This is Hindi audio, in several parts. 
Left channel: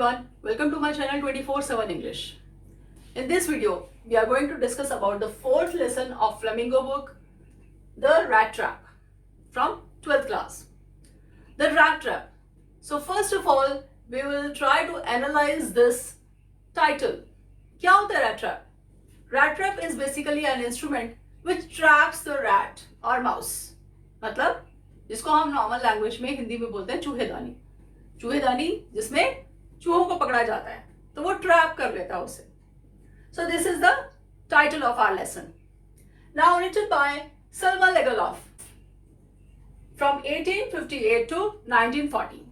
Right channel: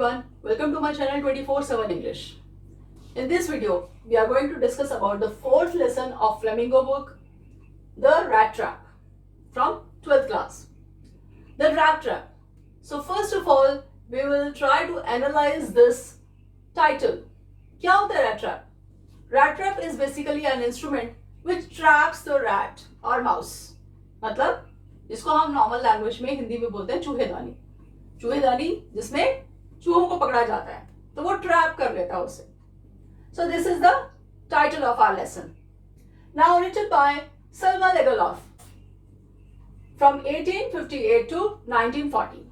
everyone, welcome to my channel 24/7 English. In this video, we are going to discuss about the fourth lesson of Flamingo book, The Rat Trap, from 12th class. The Rat Trap. So first of all, we will try to analyze this title. क्या होता है rat trap? Rat trap is basically an instrument which traps the rat or mouse. मतलब जिसको हम नॉर्मल लैंग्वेज में हिंदी में बोलते हैं चूहेदानी. चूहेदानी जिसमें चूहों को पकड़ा जाता है, तो वो ट्रैप कर लेता है उसे. So this is the title of our lesson. Now written by Selma Lagerlöf from 1858 to 1940.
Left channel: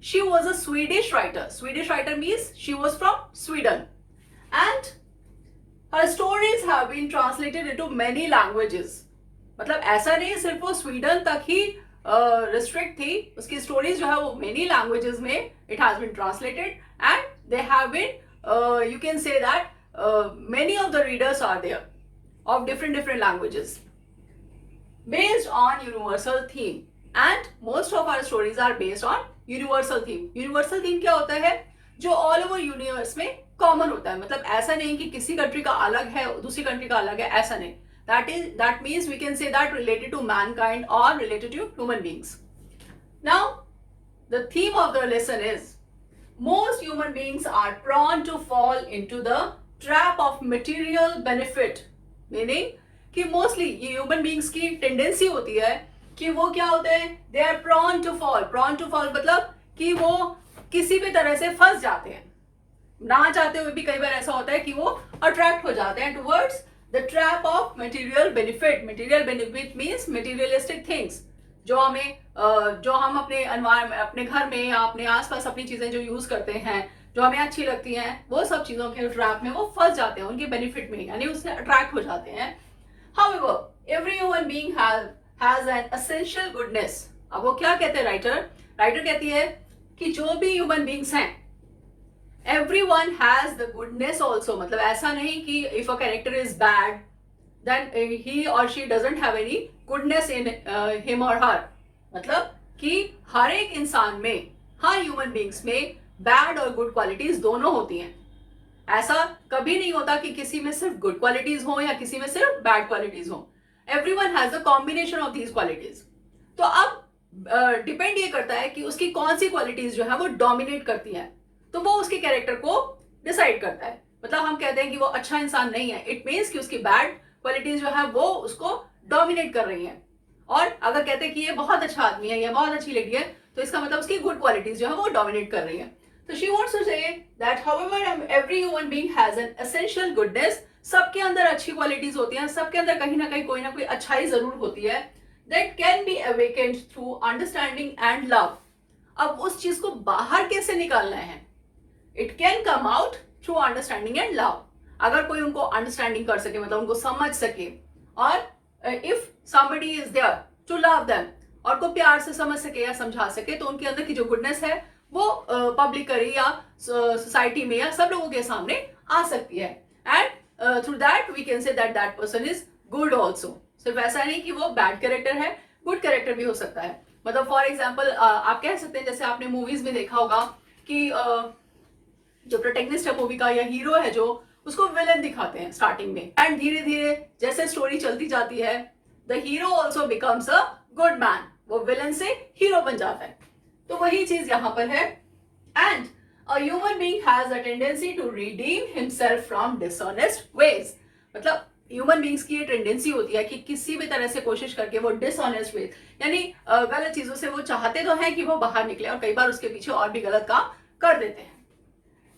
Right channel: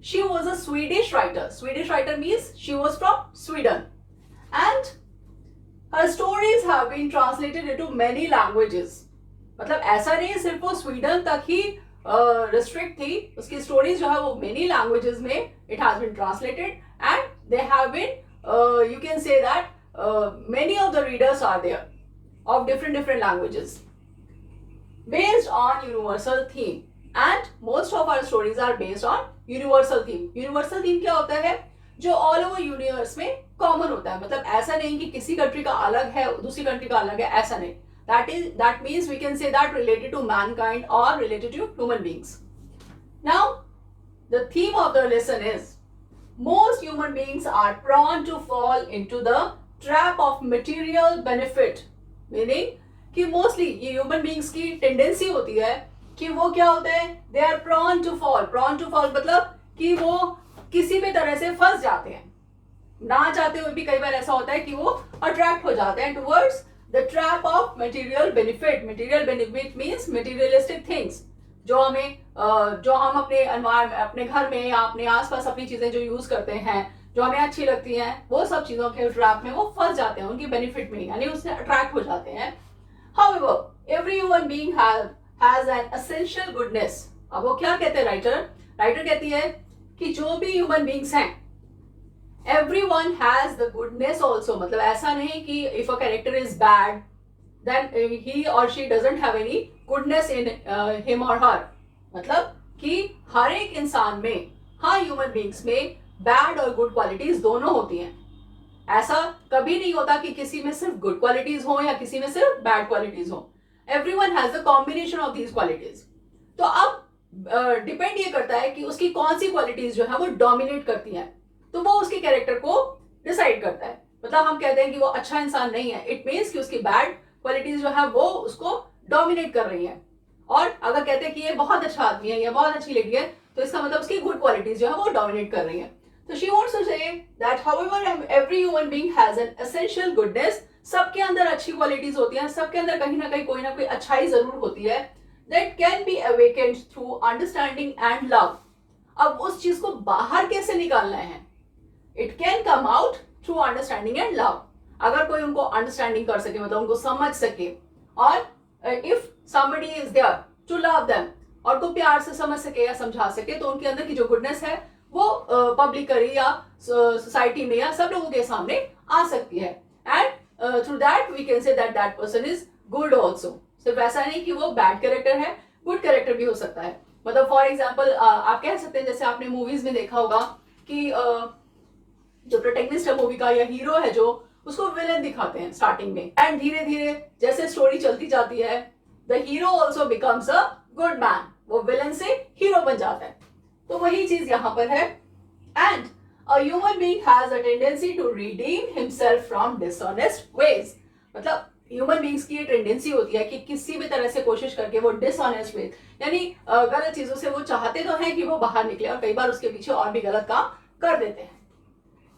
She was a Swedish writer. Swedish writer means she was from Sweden. And her stories have been translated into many languages. मतलब ऐसा नहीं सिर्फ वो स्वीडन तक ही रिस्ट्रिक्ट थी. उसकी स्टोरीज जो है वो मेनी लैंग्वेजेस में it has been translated and they have been you can say that many of the readers are there of different languages based on universal theme, and most of our stories are based on universal theme. Universal theme क्या होता है? जो ऑल ओवर यूनिवर्स में कॉमन होता है. मतलब ऐसा नहीं कि किसी कंट्री का अलग है दूसरी कंट्री का अलग है, ऐसा नहीं. That means we can say that related to mankind or related to human beings. Now, the theme of the lesson is most human beings are prone to fall into the trap of material benefit. Meaning कि मोस्टली ये ह्यूमन बींग्स की टेंडेंसी होती है कि वो क्या होते हैं, they are prone to fall. Prone to fall मतलब कि वो किसी भी तरह से फंस जाते हैं. ना चाहते हुए भी कई बार ऐसा होता है कि वो अट्रैक्ट हो जाते हैं towards the trap of material benefit. Material benefit means materialistic things जो हम अपने घर में या अपने आसपास अपनी चीजें जो यूज करते हैं, जो हमें अच्छी लगती हैं, वो सब चीजों के ट्रैप में वो फंस जाते हैं, उनकी बेनिफिट में यानी उससे अट्रैक्ट हो जाते हैं. However, every human being has an essential goodness. अब वो क्या कहते हैं राइटर कहती है कि जो भी ह्यूमन बींग्स हैं, everyone has the goodness also. मतलब ऐसा नहीं कि if a character is bad then he or she doesn't have any goodness in him or her. मतलब कि हर एक इंसान में, हर ह्यूमन बींग्स में बैड और गुड क्वालिटीज दोनों होती हैं. ऐसा कभी नहीं होता कि किसी में सिर्फ गुड क्वालिटीज हो या किसी में सिर्फ बैड क्वालिटीज हो. Everyone has the combination of these qualities. तो अब डिपेंड ये करता है कि उसकी कौन सी क्वालिटीज जो है वो डोमिनेट करती हैं, तो वो उसके कैरेक्टर को डिसाइड करता है. मतलब हम कहते हैं कि वो अच्छा इंसान नहीं है, इट मीन्स कि उसकी बैड क्वालिटीज जो है वो उसको डोमिनेट कर रही है. और अगर कहते हैं कि ये बहुत अच्छा आदमी है या बहुत अच्छी लेडी है, तो इसका मतलब उसकी गुड क्वालिटीज जो है वो डोमिनेट कर रही है. So she wants to say that however every human being has an essential goodness. सबके अंदर अच्छी क्वालिटीज होती हैं, सबके अंदर कहीं ना कोई अच्छाई जरूर होती है. That can be awakened through understanding and love. अब उस चीज को बाहर कैसे निकालना है? It can come out through understanding and love. अगर कोई उनको अंडरस्टैंडिंग कर सके, मतलब उनको समझ सके, और if somebody is there to love them, और को प्यार से समझ सके या समझा सके, तो उनके अंदर की जो गुडनेस है वो पब्लिकली या सोसाइटी में या सब लोगों के सामने आ सकती है. And through that we can say that person is good also. सिर्फ ऐसा नहीं कि वो बैड कैरेक्टर है, गुड कैरेक्टर भी हो सकता है. मतलब फॉर एग्जाम्पल आप कह सकते हैं, जैसे आपने मूवीज में देखा होगा कि जो प्रोटेगनिस्ट है मूवी का या हीरो है, जो उसको विलन दिखाते हैं स्टार्टिंग में, एंड धीरे धीरे जैसे स्टोरी चलती जाती है, the hero also becomes a good man. वो विलन से हीरो बन जाता है. तो वही चीज यहां पर है. And a human being has a tendency to redeem himself from dishonest ways. मतलब ह्यूमन बीइंग्स की ये टेंडेंसी होती है कि किसी भी तरह से कोशिश करके वो डिसऑनेस्ट वेज यानी गलत चीजों से वो चाहते तो हैं कि वो बाहर निकले, और कई बार उसके पीछे और भी गलत काम कर देते हैं.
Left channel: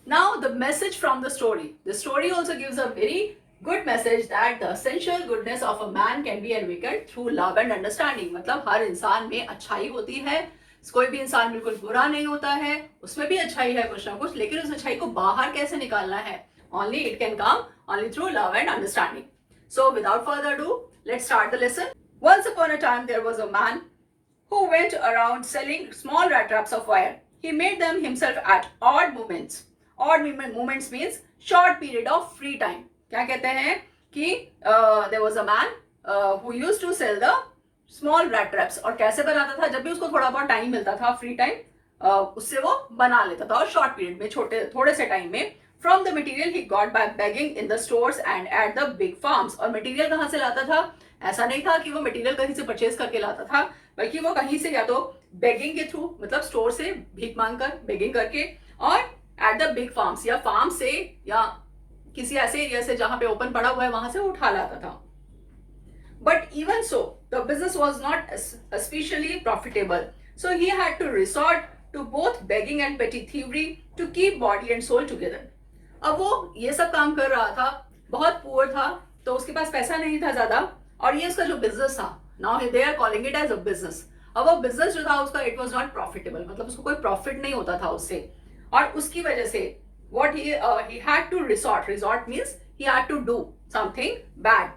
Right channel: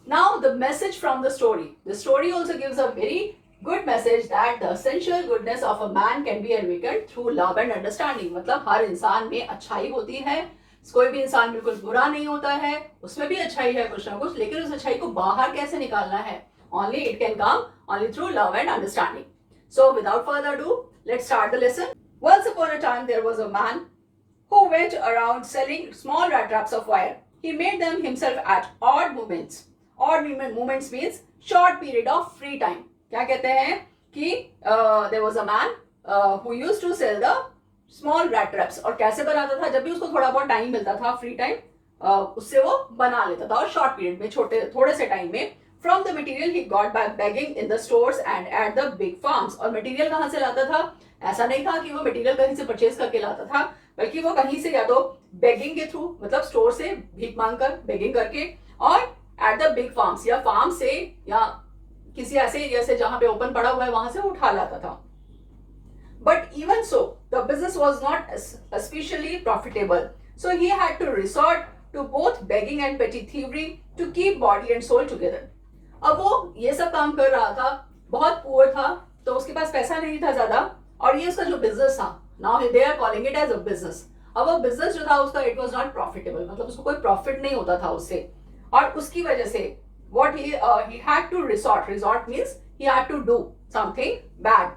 Now the message from the story also gives a very good message that the essential goodness of a man can be awakened through love and understanding. मतलब हर इंसान में अच्छाई होती है, कोई भी इंसान बिल्कुल बुरा नहीं होता है, उसमें भी अच्छाई है कुछ ना कुछ, लेकिन उस अच्छाई को बाहर कैसे निकालना है, only it can come only through love and understanding. So without further ado, let's start the lesson. Once upon a time there was a man who went around selling small rat traps of wire. He made them himself at odd moments. Odd moments means short period of free time. क्या कहते हैं कि there was a man who used to sell the small rat traps. और कैसे बनाता था? जब भी उसको थोड़ा बहुत टाइम मिलता था, फ्री टाइम, उससे वो बना लेता था और शॉर्ट पीरियड में थोड़े से टाइम में फ्रॉम द मटेरियल ही got by begging in the stores and at the big farms. और मटेरियल कहाँ से लाता था? ऐसा नहीं था कि वो मटेरियल कहीं से परचेज करके लाता था, बल्कि वो कहीं से या तो बेगिंग के थ्रू, मतलब स्टोर से भीख मांग कर बेगिंग करके, और एट द बिग फार्म्स या फार्म से या किसी ऐसे एरिया से जहां पे ओपन पड़ा हुआ है वहां से उठा लाता था। But even so, the business was not especially profitable. So he had to resort to both begging and petty thievery to keep body and soul together. अब वो ये सब काम कर रहा था, बहुत पुअर था, तो उसके पास पैसा नहीं था ज्यादा, और ये उसका जो बिजनेस था, now they are calling it as a business. अब वो बिजनेस जो था उसका इट वाज नॉट प्रॉफिटेबल, मतलब उसको कोई प्रॉफिट नहीं होता था उससे, और उसकी वजह से what he had to resort means he had to do something bad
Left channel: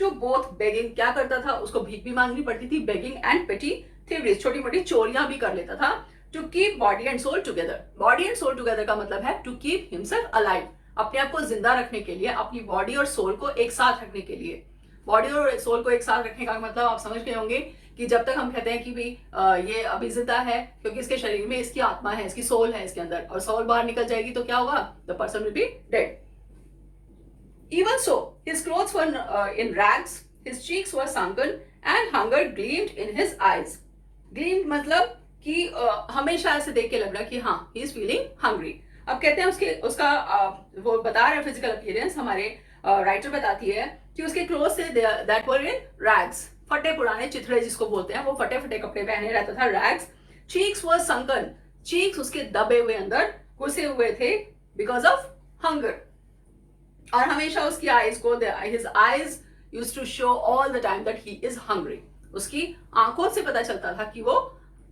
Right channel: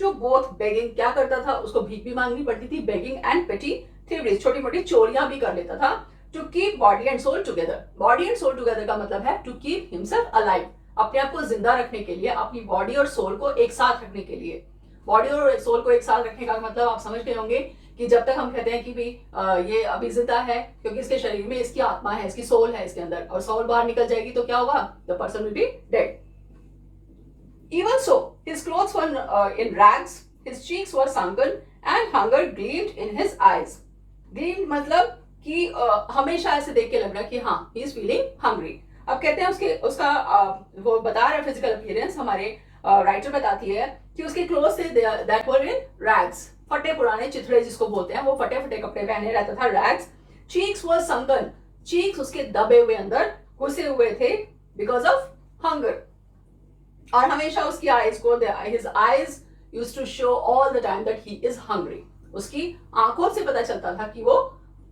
to both begging, क्या करता था, उसको भीख भी मांगनी पड़ती थी, begging and petty thieveries, छोटी मोटी चोरियां भी कर लेता था, to keep body and soul together। body and soul together का मतलब है to keep himself alive, अपने आप को जिंदा रखने के लिए, अपनी बॉडी और सोल को एक साथ रखने के लिए। बॉडी और सोल को एक साथ रखने का मतलब आप समझ गए होंगे कि जब तक हम कहते हैं कि भाई ये अभी जिंदा है क्योंकि इसके शरीर में इसकी आत्मा है, इसकी सोल है इसके अंदर, और सोल बाहर निकल जाएगी तो क्या होगा? The person will be dead. Even so, his clothes were in rags, his cheeks were sunken, and hunger gleamed in his eyes. Gleamed मतलब कि हमेशा ऐसे देख के लग रहा कि हाँ, he is feeling hungry। अब कहते हैं उसका वो बता रहे फिजिकल अपीयरेंस, हमारे राइटर बताती है कि उसके cloth say that were in rags, फटे पुराने चिथड़े जिसको बोलते हैं, वो फटे फटे कपड़े पहने रहता था, रैग्स। चीक्स वर संकन, चीक्स उसके दबे हुए अंदर घुसे हुए थे बिकॉज ऑफ हंगर। और हमेशा उसकी आईज को, his eyes used to show all the time that he is hungry. उसकी आंखों से पता चलता था कि वो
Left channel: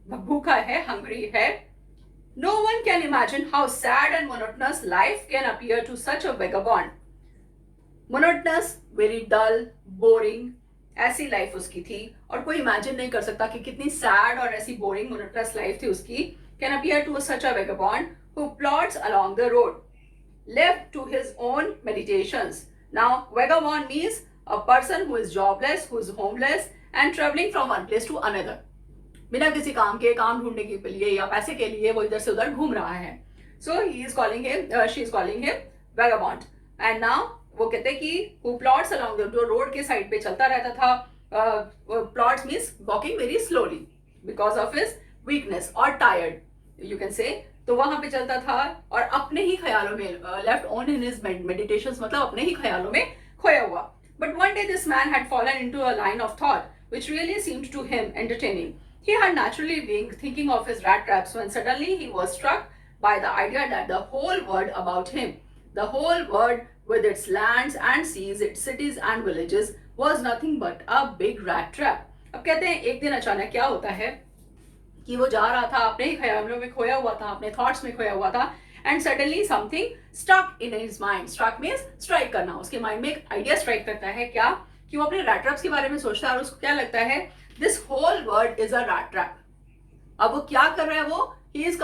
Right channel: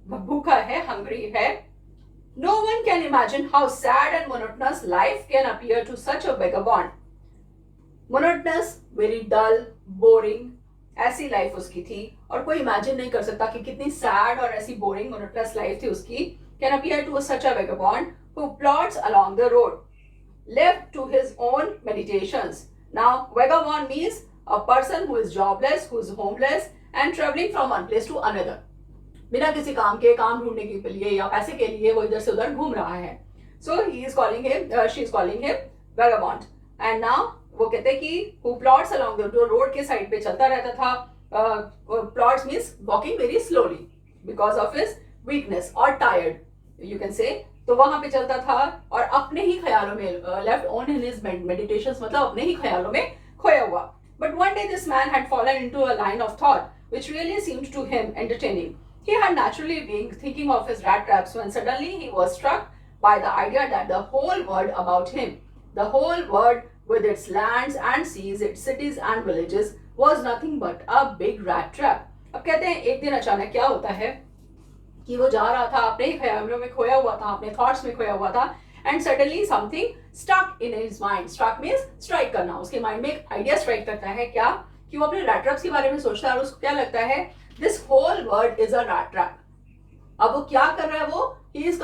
भूखा है, हंग्री है। No one can imagine how sad and monotonous life can appear to such a vagabond. Monotonous, very dull, boring, ऐसी लाइफ उसकी थी, और कोई इमेजिन नहीं कर सकता कि कितनी सैड और ऐसी बोरिंग मोनोटनस लाइफ थी उसकी। Can appear to such a vagabond who plots along the road, left to his own meditations. Now, vagabond means a person who is jobless, who is homeless, and traveling from one place to another. बिना किसी काम के, काम ढूंढने के लिए या पैसे के लिए वो इधर से उधर घूम रहा है। So he is calling him, she is calling him vagabond. And now वो कहते हैं कि who plods along the, जो रोड के साइड पे चलता रहता था, plods means walking very slowly because of his weakness or tired, you can say। तो वहां पे चलता था और अपने ही ख्यालों में, left on in his meditations, मतलब अपने ही ख्यालों में खोया हुआ। But one day this man had fallen into a line of thought which really seemed to him entertaining. He had naturally been thinking of his rat traps when suddenly he was struck by the idea that the whole world about him, the whole world with its lands and seas, its cities and villages, was nothing but a big rat trap. अब कहते हैं एक दिन अचानक क्या होता है कि वो जा रहा था, अपने ही ख्यालों में खोया हुआ था, अपने थॉट्स में खोया हुआ था, and suddenly something stuck in his mind. Struck means strike करना, उसके माइंड में एक आइडिया स्ट्राइक करता है, क्या कि वो अपने रैट ट्रैप्स के बारे में सोचता है, और उसको क्या लगता है, this whole world is a rat trap. अब वो क्या कर रहा है, वो he is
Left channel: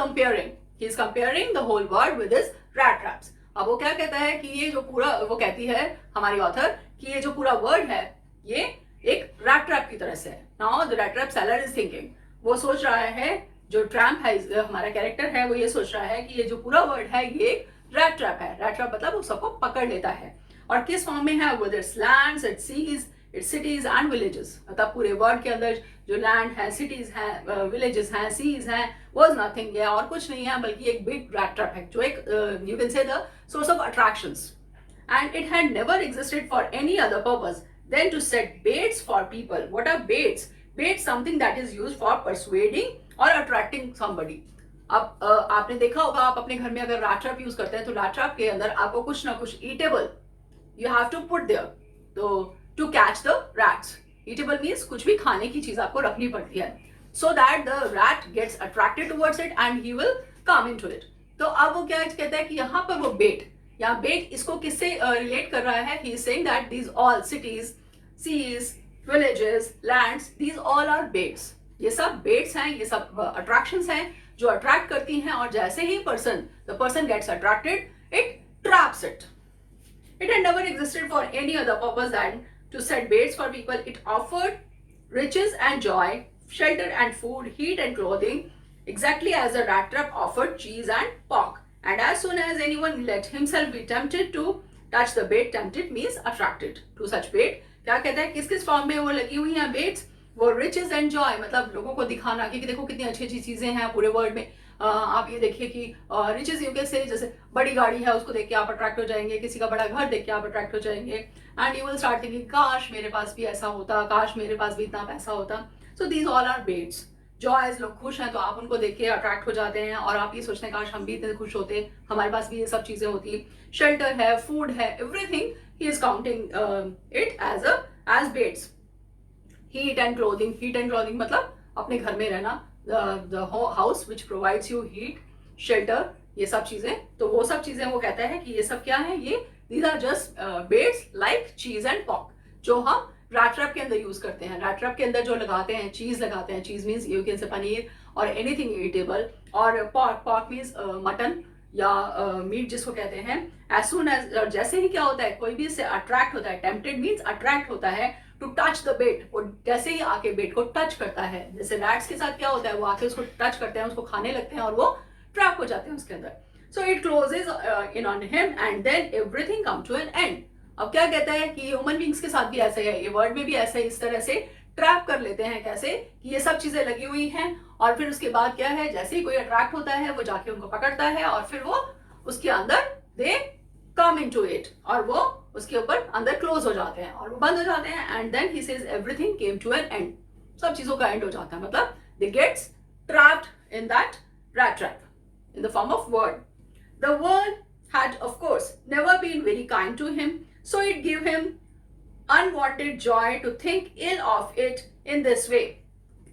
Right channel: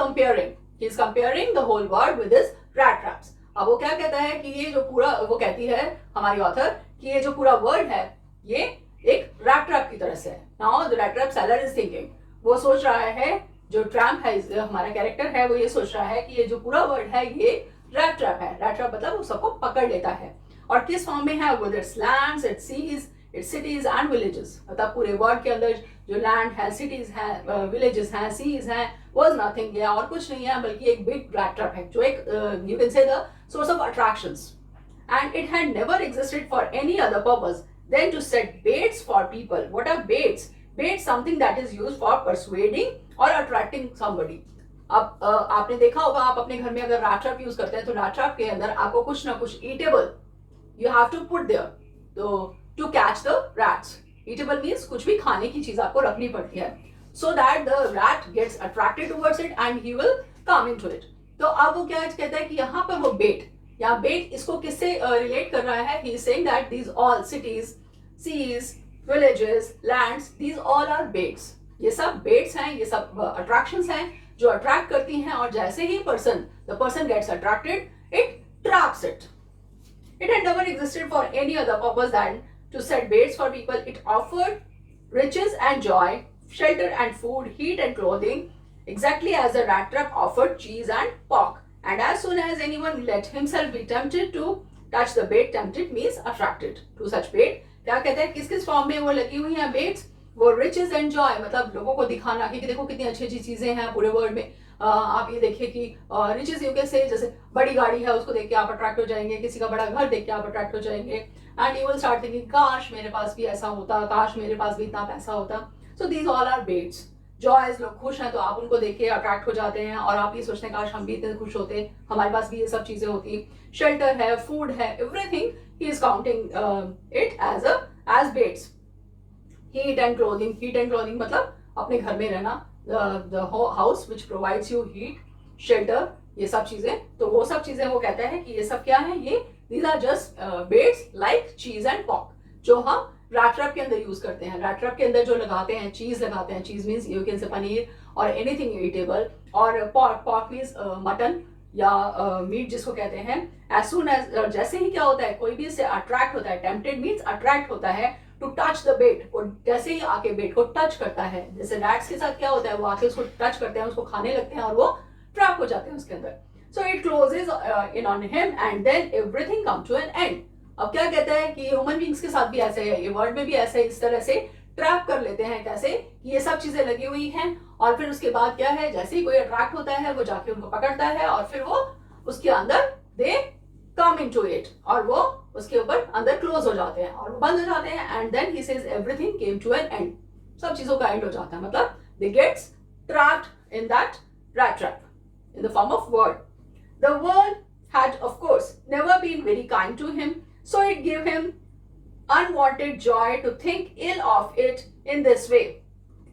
comparing the whole world with his rat traps. अब वो क्या कहता है कि ये जो पूरा, वो कहती है हमारी ऑथर कि ये जो पूरा वर्ल्ड है ये एक रैट ट्रैप की तरह से है। Now the rat trap seller is thinking, वो सोच रहा है, जो ट्रैम्प है, हमारा कैरेक्टर है, वो ये सोच रहा है कि ये जो पूरा वर्ल्ड है ये रैट ट्रैप है। रैट ट्रैप मतलब वो सबको पकड़ लेता है, और किस फॉर्म में है, with its lands, its seas, its cities and villages. मतलब पूरे वर्ल्ड के अंदर जो लैंड है, सिटीज हैं, विलेजेस हैं, सीज हैं, वाज नथिंग, या और कुछ नहीं है बल्कि एक बिग रैट ट्रैप है, जो एक you can say the source of attractions. And it had never existed for any other purpose than to set baits for people. What are baits? Bait something that is used for persuading or attracting somebody. अब आपने देखा होगा, आप अपने घर में अगर रैट ट्रैप यूज करते हैं तो रैट ट्रैप के अंदर आपको कुछ ना कुछ eatable you have to put there to catch the rats. Eatable means कुछ भी खाने की चीज आपको रखनी पड़ती है, so that the rat gets attracted towards it and he will come into it. तो अब वो क्या कहता है कि यहाँ पर वो बेट, या बेट इसको किससे रिलेट कर रहा है, he is saying that these all cities, seas, villages, lands, these all are baits. ये सब baits हैं, ये सब attractions हैं जो attract करती हैं, और जैसे ही the person gets attracted, it traps it. It had never existed for any other purpose than to set baits for people. It offered riches and joy, shelter and food, heat and clothing, exactly as the rat trap offered cheese and pork. And as soon as anyone let himself be tempted to touch the bait, tempted means attracted to such bait. क्या कहता है, किस किस फॉर्म में वो लगी हुई हैं बेट्स? वो रिचेस एंड जॉय, मतलब लोगों को दिखाना कि देखो कितनी अच्छी अच्छी चीजें हैं पूरे वर्ल्ड में। आप ये देखिए कि रिचेस यू कैन से, जैसे बड़ी गाड़ी है उसको देख के आप अट्रैक्ट हो जाएंगे, किसी का बड़ा घर देख के आप अट्रैक्ट हो जाएंगे, and you will start thinking काश मेरे पास भी ऐसा होता, काश मेरे पास भी इतना पैसा होता। So these all are baits. Joys, लोग खुश हैं तो आप उनको देख के अट्रैक्ट हो जाते हैं और आप ये सोचते हैं काश हम भी इतने खुश होते, हमारे पास भी ये सब चीजें होती। शेल्टर है, फूड है, everything he is counting it as baits. Heat and clothing, heat and clothing मतलब अपने घर में रहना, the house which provides you heat, shelter, ये सब चीजें। तो वो सब चीजें वो कहता है कि ये सब क्या है, ये these are just baits like cheese and pork, जो हम रैट ट्रैप के अंदर यूज करते हैं। रैट ट्रैप के अंदर जो लगाते हैं, चीज लगाते हैं, चीज मीन्स यू कैन से पनीर और एनीथिंग ईटेबल, और पॉर्क, पॉर्क मीन्स मटन या मीट जिसको कहते हैं। एज सून एज, जैसे ही क्या होता है, कोई भी इससे अट्रैक्ट होता है, टेम्पटेड मीन्स अट्रैक्ट होता है, टू टच द बेट, वो जैसे ही आके बेट को टच करता है, जैसे रैट्स के साथ क्या होता है, वो आके उसको टच करते हैं, उसको खाने लगते हैं और वो ट्रैप हो जाते हैं उसके अंदर। So it closes in on him and then everything come to an end. अब क्या कहता है कि ह्यूमन बींग्स के साथ भी ऐसे है, ये वर्ल्ड में भी ऐसे इस तरह से ट्रैप कर लेते हैं। कैसे कि ये सब चीजें लगी हुई हैं और फिर उसके बाद क्या है, जैसे ही कोई अट्रैक्ट होता है वो जाके उनको पकड़ता है और फिर वो उसके अंदर दे कम इनटू इट, और वो उसके ऊपर अंदर क्लोज हो जाते हैं और वो बंद हो जाते हैं। And then he says everything came to an end, सब चीजों का एंड हो जाता है, मतलब they gets trapped in that rat trap in the form of world. The world had, of course, never been very kind to him, so it gave him unwanted joy to think ill of it in this way.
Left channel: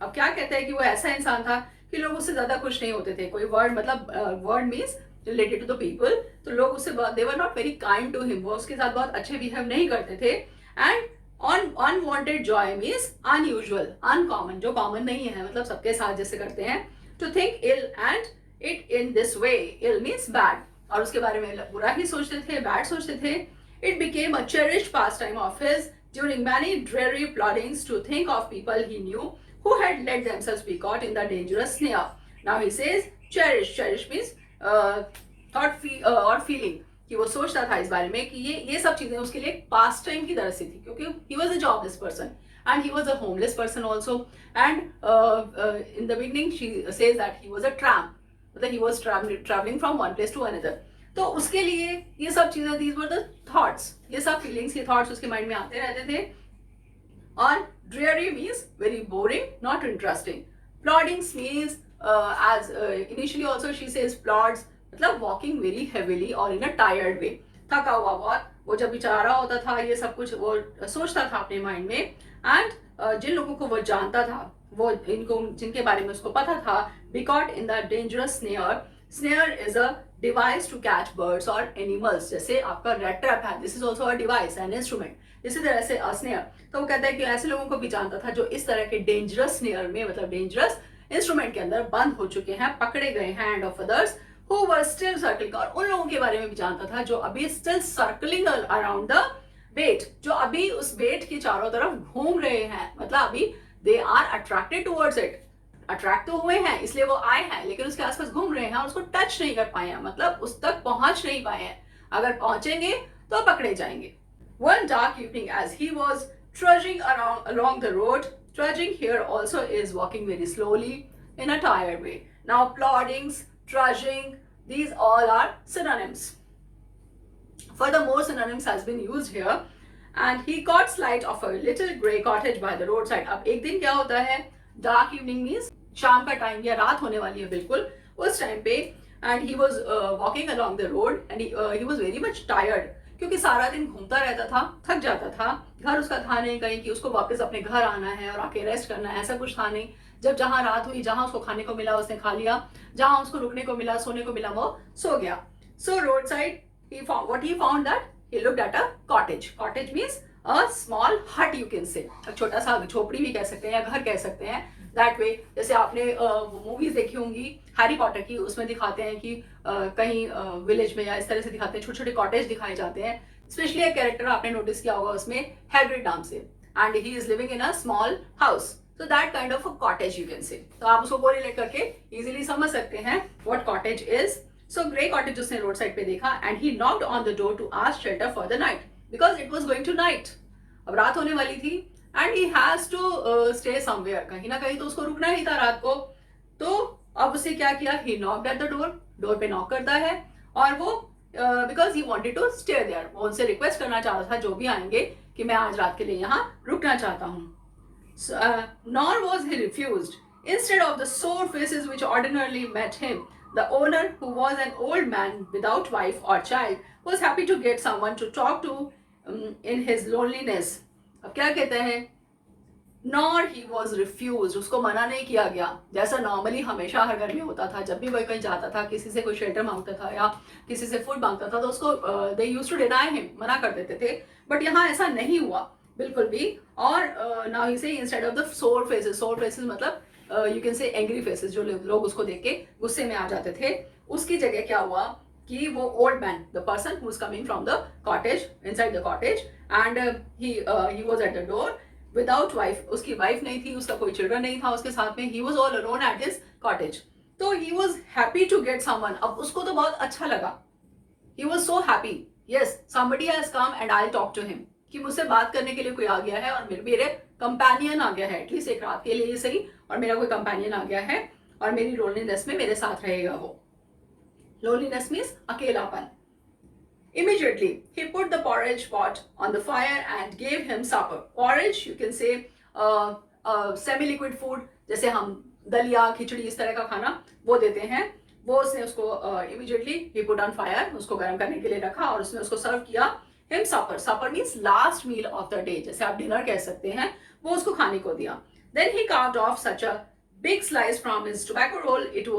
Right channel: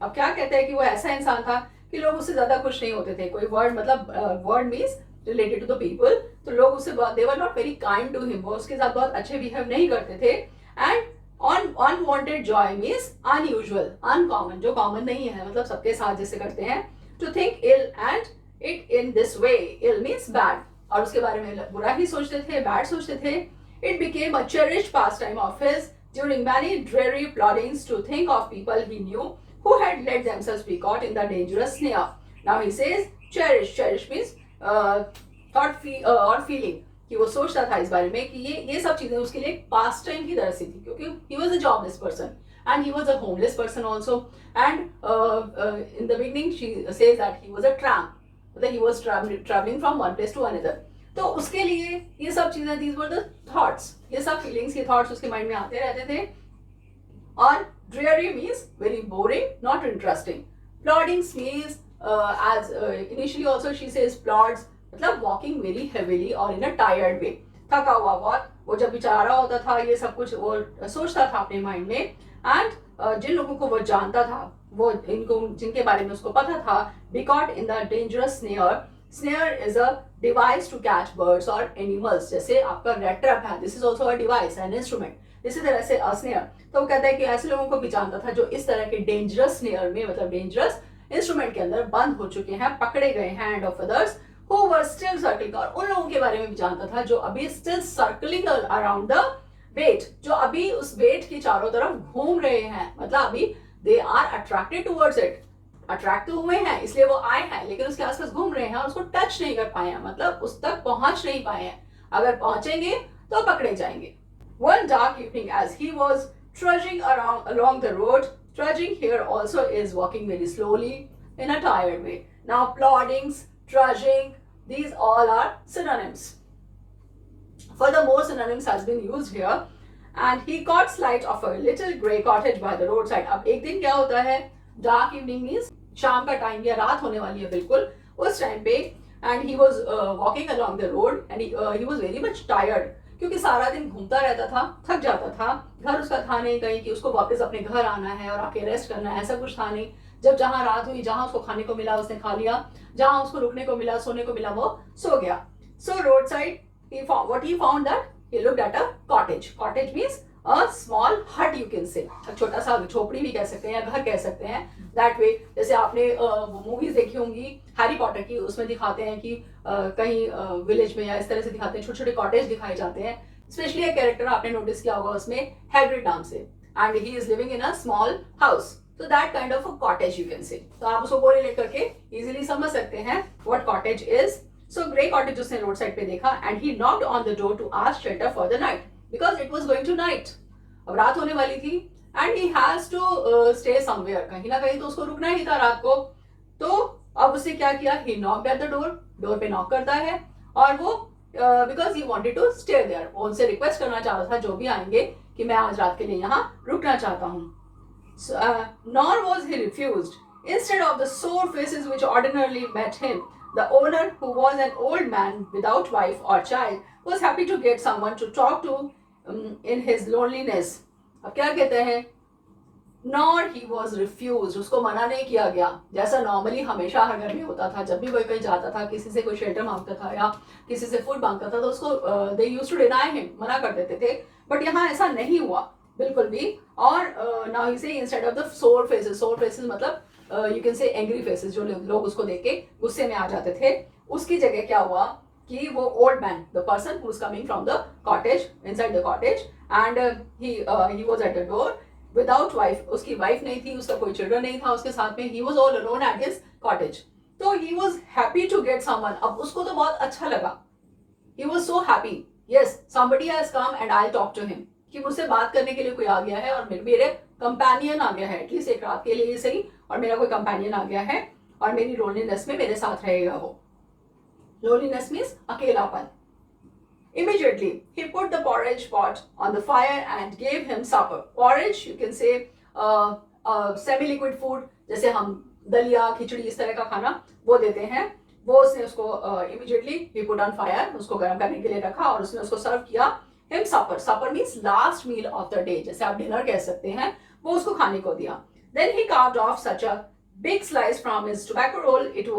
अब क्या कहता है कि वो ऐसा इंसान था कि लोग उससे ज्यादा खुश नहीं होते थे। कोई वर्ड, मतलब word means related to the people, तो लोग उससे, they were not very kind to him, वो उसके साथ बहुत अच्छे बिहेव नहीं करते थे। And unwanted joy means unusual, uncommon, जो कॉमन नहीं है, मतलब सबके साथ जैसे करते हैं। To think ill and it in this way, ill means bad, और उसके बारे में बुरा ही सोचते थे, बैड सोचते थे। It became a cherished pastime of his during many dreary plottings to think of people he knew who had let themselves be caught in the dangerous snare. Now he says cherish, cherish means thought or feeling, कि वो सोचता था इस बारे में कि ये सब चीजें उसके लिए पास्ट टाइम की तरह से थी, क्योंकि he was a jobless person and he was a homeless person also, and in the beginning she says that he was a tramp, मतलब he was traveling from one place to another. तो उसके लिए ये सब चीजें, these were the thoughts, ये सब feelings, ये thoughts उसके माइंड में आते रहते थे। और dreary means very boring, not interesting. Ploddings means as initially also she says plods, मतलब walking very heavily or in a tired way, थका हुआ बहुत। वो जब बेचारा होता था ये सब कुछ वो सोचता था अपने माइंड में। एंड जिन लोगों को वो जानता था, वो इनको जिनके बारे में उसको पता था, be caught in the dangerous snare. Snare is a device to catch birds or animals. जैसे आपका rat trap है, this is also a device, an instrument. इसी तरह से a snare, तो वो कहता है कि ऐसे लोगों को भी जानता था जो इस तरह के dangerous snare में, मतलब dangerous instrument के अंदर बंद हो चुके हैं, पकड़े गए हैं, and of others who were still circling, और उन लोगों के बारे में भी जानता था जो अभी still circling around the bait, जो अभी उस bait के चारों तरफ घूम रहे हैं, मतलब अभी they are attracted towards it, attract तो हुए हैं इसलिए वो आए हैं, लेकिन उसके आसपास घूम रहे हैं और उसको टच नहीं कर पाए हैं, मतलब उस तक पहुंच नहीं पाए हैं। अगर पहुंचेंगे तो पकड़े जाएंगे। One dark evening as he was trudging along the road, trudging here also is walking very slowly in a tired way. Now ploddings, trudging, these all are synonyms. Furthermore, synonyms has been used here. And he caught sight of a little grey cottage by the roadside. अब एक दिन क्या होता है, डार्क इवनिंग मीन्स शाम का टाइम या रात होने वाली है बिल्कुल उस टाइम पे। And he was walking along the road and he was very much tired, क्योंकि सारा दिन घूमता रहता था, थक जाता था। घर उसका था नहीं कहीं कि उसको वापस अपने घर आना है और आके रेस्ट करना है, ऐसा कुछ था नहीं। जब जहाँ रात हुई, जहाँ उसको खाने को मिला उसने खा लिया, जहाँ उसको रुकने को मिला, सोने को मिला, वो सो गया। So road side he found that he looked at a cottage. Cottage means a small hut, you can say, एक छोटा सा झोपड़ी भी कह सकते हैं या घर कह सकते हैं। दैट वे, जैसे आपने मूवीज देखी होंगी हैरी पॉटर की, उसमें दिखाते हैं कि कहीं विलेज में या इस तरह से दिखाते हैं, छोटे छोटे कॉटेज दिखाए जाते हैं। स्पेशली एक कैरेक्टर आपने नोटिस किया होगा उसमें, हैग्रिड नाम से, and he is living in a small house. तो that kind of a cottage you can say. तो आप उसको कोरिलेट करके इजीली समझ सकते हैं what cottage is. So grey cottage उसने रोड साइड पे देखा and he knocked on the door to ask shelter for the night because it was going to night. अब रात होने वाली थी and he has to stay somewhere, कहीं ना कहीं तो उसको रुकना ही था रात को। तो अब उसने क्या किया, he knocked at the door, door पे नॉक करता है और वो because he wanted to stay there, वो उनसे रिक्वेस्ट करना चाहता था जो भी आएंगे कि मैं आज रात के लिए यहाँ रुकना चाहता हूँ। Nor was he refused. Instead of the sore faces which ordinarily met him, the owner, who was an old man without wife or child, was happy to get someone to talk to in his loneliness. अब क्या कहते हैं, नॉर ही वॉज रिफ्यूज, उसको मना नहीं किया गया, जैसा नॉर्मली हमेशा हर घर में होता था। जब भी कोई कहीं जाता था, किसी से कोई शेल्टर मांगता था या किसी से फूड मांगता था, तो उसको they used to deny him, मना कर देते थे। बट यहाँ ऐसा नहीं हुआ बिल्कुल भी। और नाउ ही से इंस्टेड ऑफ द सोर फेसेस मतलब यू कैन से एंग्री फेसेस, जो लोग उसको देख के गुस्से में आ जाते थे, उसकी जगह क्या हुआ कि वो old man, the person who is coming from the cottage, inside the cottage, and he was at the door without wife, उसकी वाइफ नहीं थी, उसका कोई चिल्ड्रन नहीं था उसके साथ में, he was all alone at his cottage. तो he was happy to get someone, अब उसको तो बहुत अच्छा लगा, he was so happy, yes somebody has come and I will talk to him, कि मुझसे बात करने के लिए कोई आ गया है और मेरे कंपेनियन आ गया है, एटलीस्ट एक रात के लिए ही सही, और मेरा कोई कंपेनियन आ गया है और मेरी लोनलीनेस में मेरे साथ रहेगा वो। लोनलीनेस मीन्स अकेलापन। Immediately, he put the porridge pot on the fire and gave him supper. Porridge, you can say semi-liquid food, जैसे हम दलिया, खिचड़ी, इस तरह का खाना वो देते हैं, वो उसने उसको immediately he put on fire, उसको गर्म करने के लिए रखा और उसने उसको सर्व किया him supper. Supper means last meal of the day, जैसे आप डिनर कह सकते हैं, वो उसको खाने को दिया। Then he carved off such a big slice from his tobacco roll it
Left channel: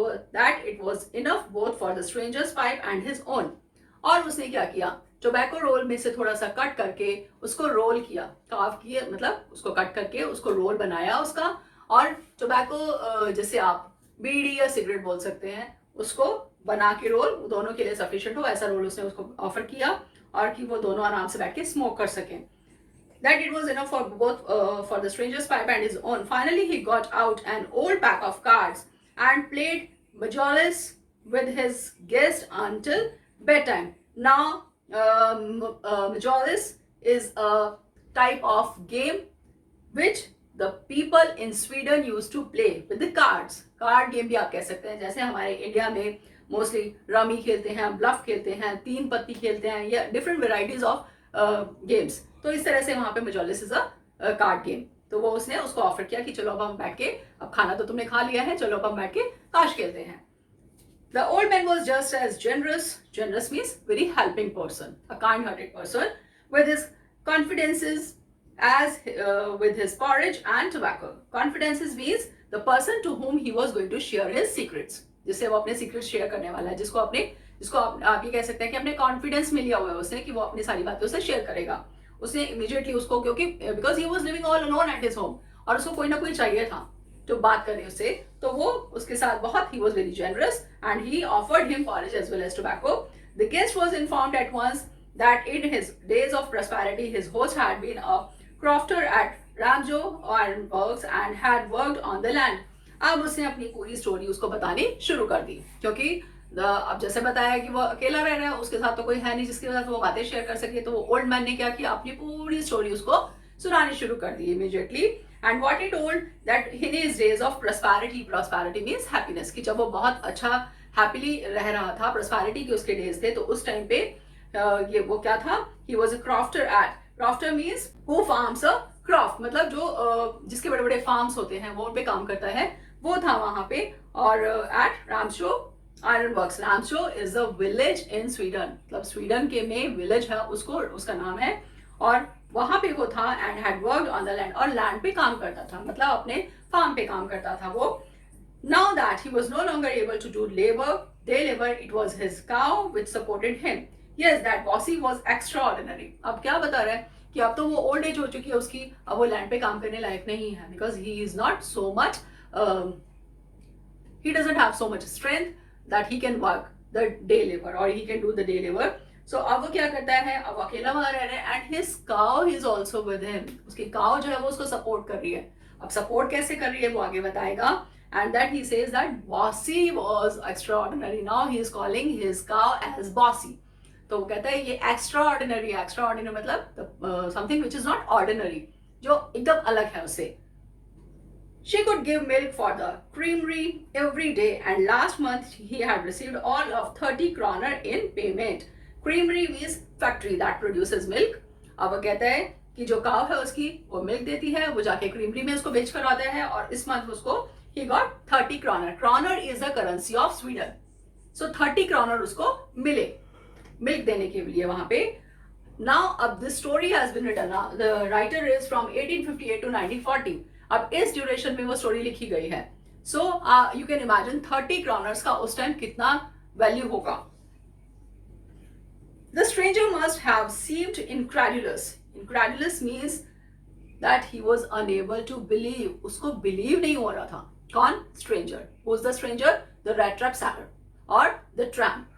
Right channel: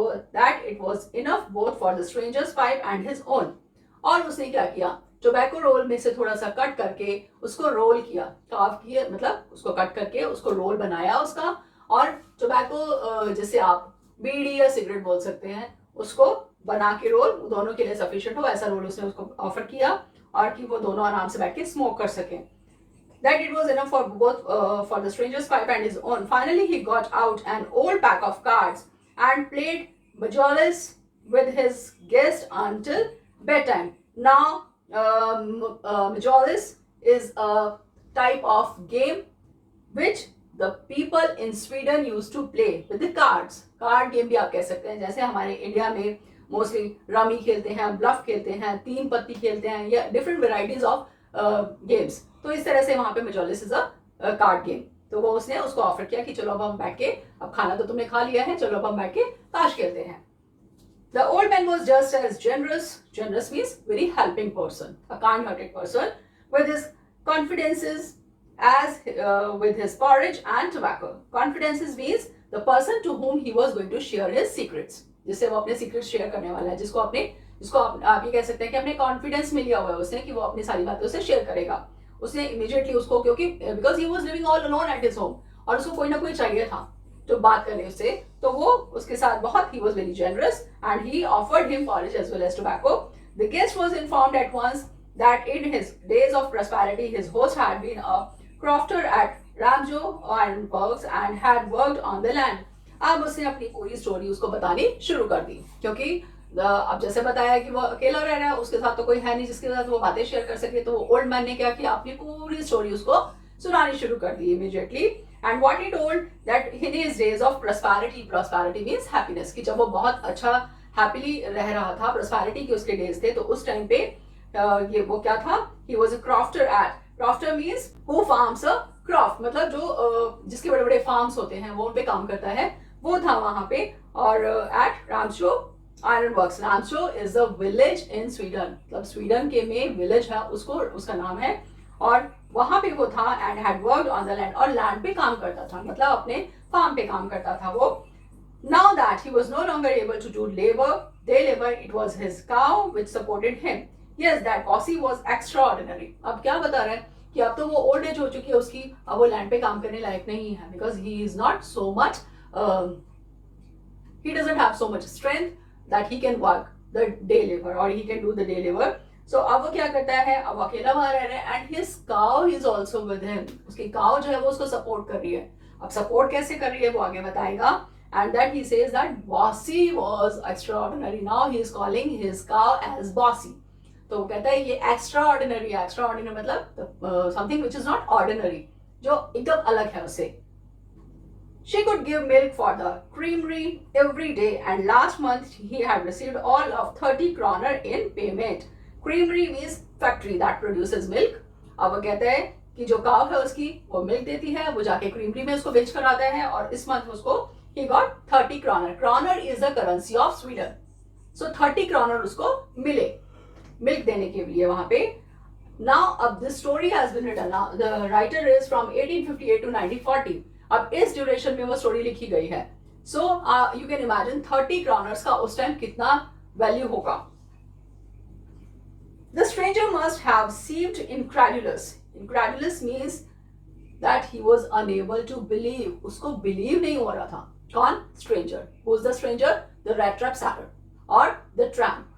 was enough both for the stranger's pipe and his own. और उसने क्या किया, टोबैको रोल में से थोड़ा सा कट करके उसको रोल किया, कार्व किए, मतलब उसको कट करके उसको रोल बनाया उसका, और टोबैको जैसे आप बीड़ी या सिगरेट बोल सकते हैं, उसको बना के रोल दोनों के लिए सफिशिएंट हो ऐसा रोल उसने उसको ऑफर किया, और कि वो दोनों आराम से बैठ के स्मोक कर सकें। That it was enough for both for the stranger's pipe and his own. Finally, he got out an old pack of cards and played Majolis with his guest until bedtime. Now, Majolis is a type of game which the people in Sweden used to play with the cards. Card game भी आप कह सकते हैं, जैसे हमारे इंडिया में मोस्टली रमी खेलते हैं, ब्लफ खेलते हैं, तीन पत्ती खेलते हैं, या डिफरेंट वेराइटीज ऑफ गेम्स। तो इस तरह से वहाँ पे मजोलिस इज अ कार्ड गेम। तो वो उसने उसको ऑफर किया कि चलो अब हम बैठ के, अब खाना तो तुमने खा लिया है, चलो अब हम बैठ के ताश खेलते हैं। The old man was just as generous. Generous means very helping person, a kind-hearted person, with his confidences as with his porridge and tobacco. Confidences means the person to whom he was going to share his secrets. जिससे वो अपने सीक्रेट्स शेयर करने वाला है, जिसको आप ये कह सकते हैं कि अपने कॉन्फिडेंस में लिया हुआ है उसने, कि वो अपनी सारी बातें उससे शेयर करेगा। उसने इमीडिएटली उसको, क्योंकि because he was living all alone at his home, और उसको कोई ना कोई चाहिए था तो बात करे उससे, तो वो उसके साथ बहुत, he was very generous and he offered him porridge as well as tobacco. The guest was informed at once that in his days of prosperity his host had been a crofter at Ramjo Ironworks and had worked on the land. अब उसने अपनी पूरी स्टोरी उसको बतानी शुरू कर दी, क्योंकि अब जैसे बताया कि वो अकेला रह रहा है, उसके साथ तो कोई है नहीं जिसके साथ वो बातें शेयर कर सके, तो ओल्ड मैन ने क्या किया, अपनी पूरी स्टोरी उसको सुनानी शुरू कर दी immediately. And what he told that in his days of prosperity means happiness, कि जब वो बहुत अच्छा हैप्पीली रह रहा था, प्रॉस्पेरिटी के उसके डेज थे, तो उस टाइम पे ये वो क्या था, he was a crofter at, crofter means who farms a croft, मतलब जो जिसके बड़े बड़े फार्म्स होते हैं वो उन पे काम करता है, वो था वहां पे। और at Ramsjo iron works, Ramsjo is a village in Sweden, मतलब स्वीडन के में विलेज है, उसको उसका नाम है, और वहां पे वो था। And had worked on the land, और लैंड पे काम करता था, मतलब अपने फार्म पे काम करता था वो। Now that he was no longer able to do day labour, it was his cow which supported him. Yes, that posy was extraordinary. अब क्या बता रहा है कि अब तो वो ओल्ड एज हो चुकी है उसकी, अब वो लैंड पे काम करने लायक नहीं है, because he is not so much, he doesn't have so much strength that he can work the day labor or he can do the day labor. So अब वो क्या करता है, अब अकेला वहां रह रहा है, and his cow is also with him, उसकी cow जो है वो उसको सपोर्ट कर रही है। अब सपोर्ट कैसे कर रही है वो आगे बताएगा. And that he says that Bossy was extraordinary. Now he is calling his cow as Bossy. तो वो कहता है ये extraordinary है. Extraordinary मतलब something which is not ordinary, जो एकदम अलग है उससे. She could give milk for the creamery every day, and last month he had received all of 30 kroner in payment. Creamery means factory that produces milk. अब वो कहता है कि जो काव है उसकी वो मिल्क देती है, वो जाके क्रीमरी में उसको बेच कर आता है, और इस मंथ उसको he got 30 kroner. Kroner is the currency of Sweden. So 30 kroner उसको मिले मिल्क देने के लिए वहां पे. Now अब this story has been written. Now the writer is from 1858 to 1940. अब इस ड्यूरेशन में वो स्टोरी लिखी गई है. So you can imagine 30 kroners का उस टाइम कितना वैल्यू होगा. The stranger must have seemed incredulous. Incredulous means that he was unable to believe. उसको believe नहीं हो रहा था. कौन? Stranger. Who's the stranger? The rat trap seller और the tramp.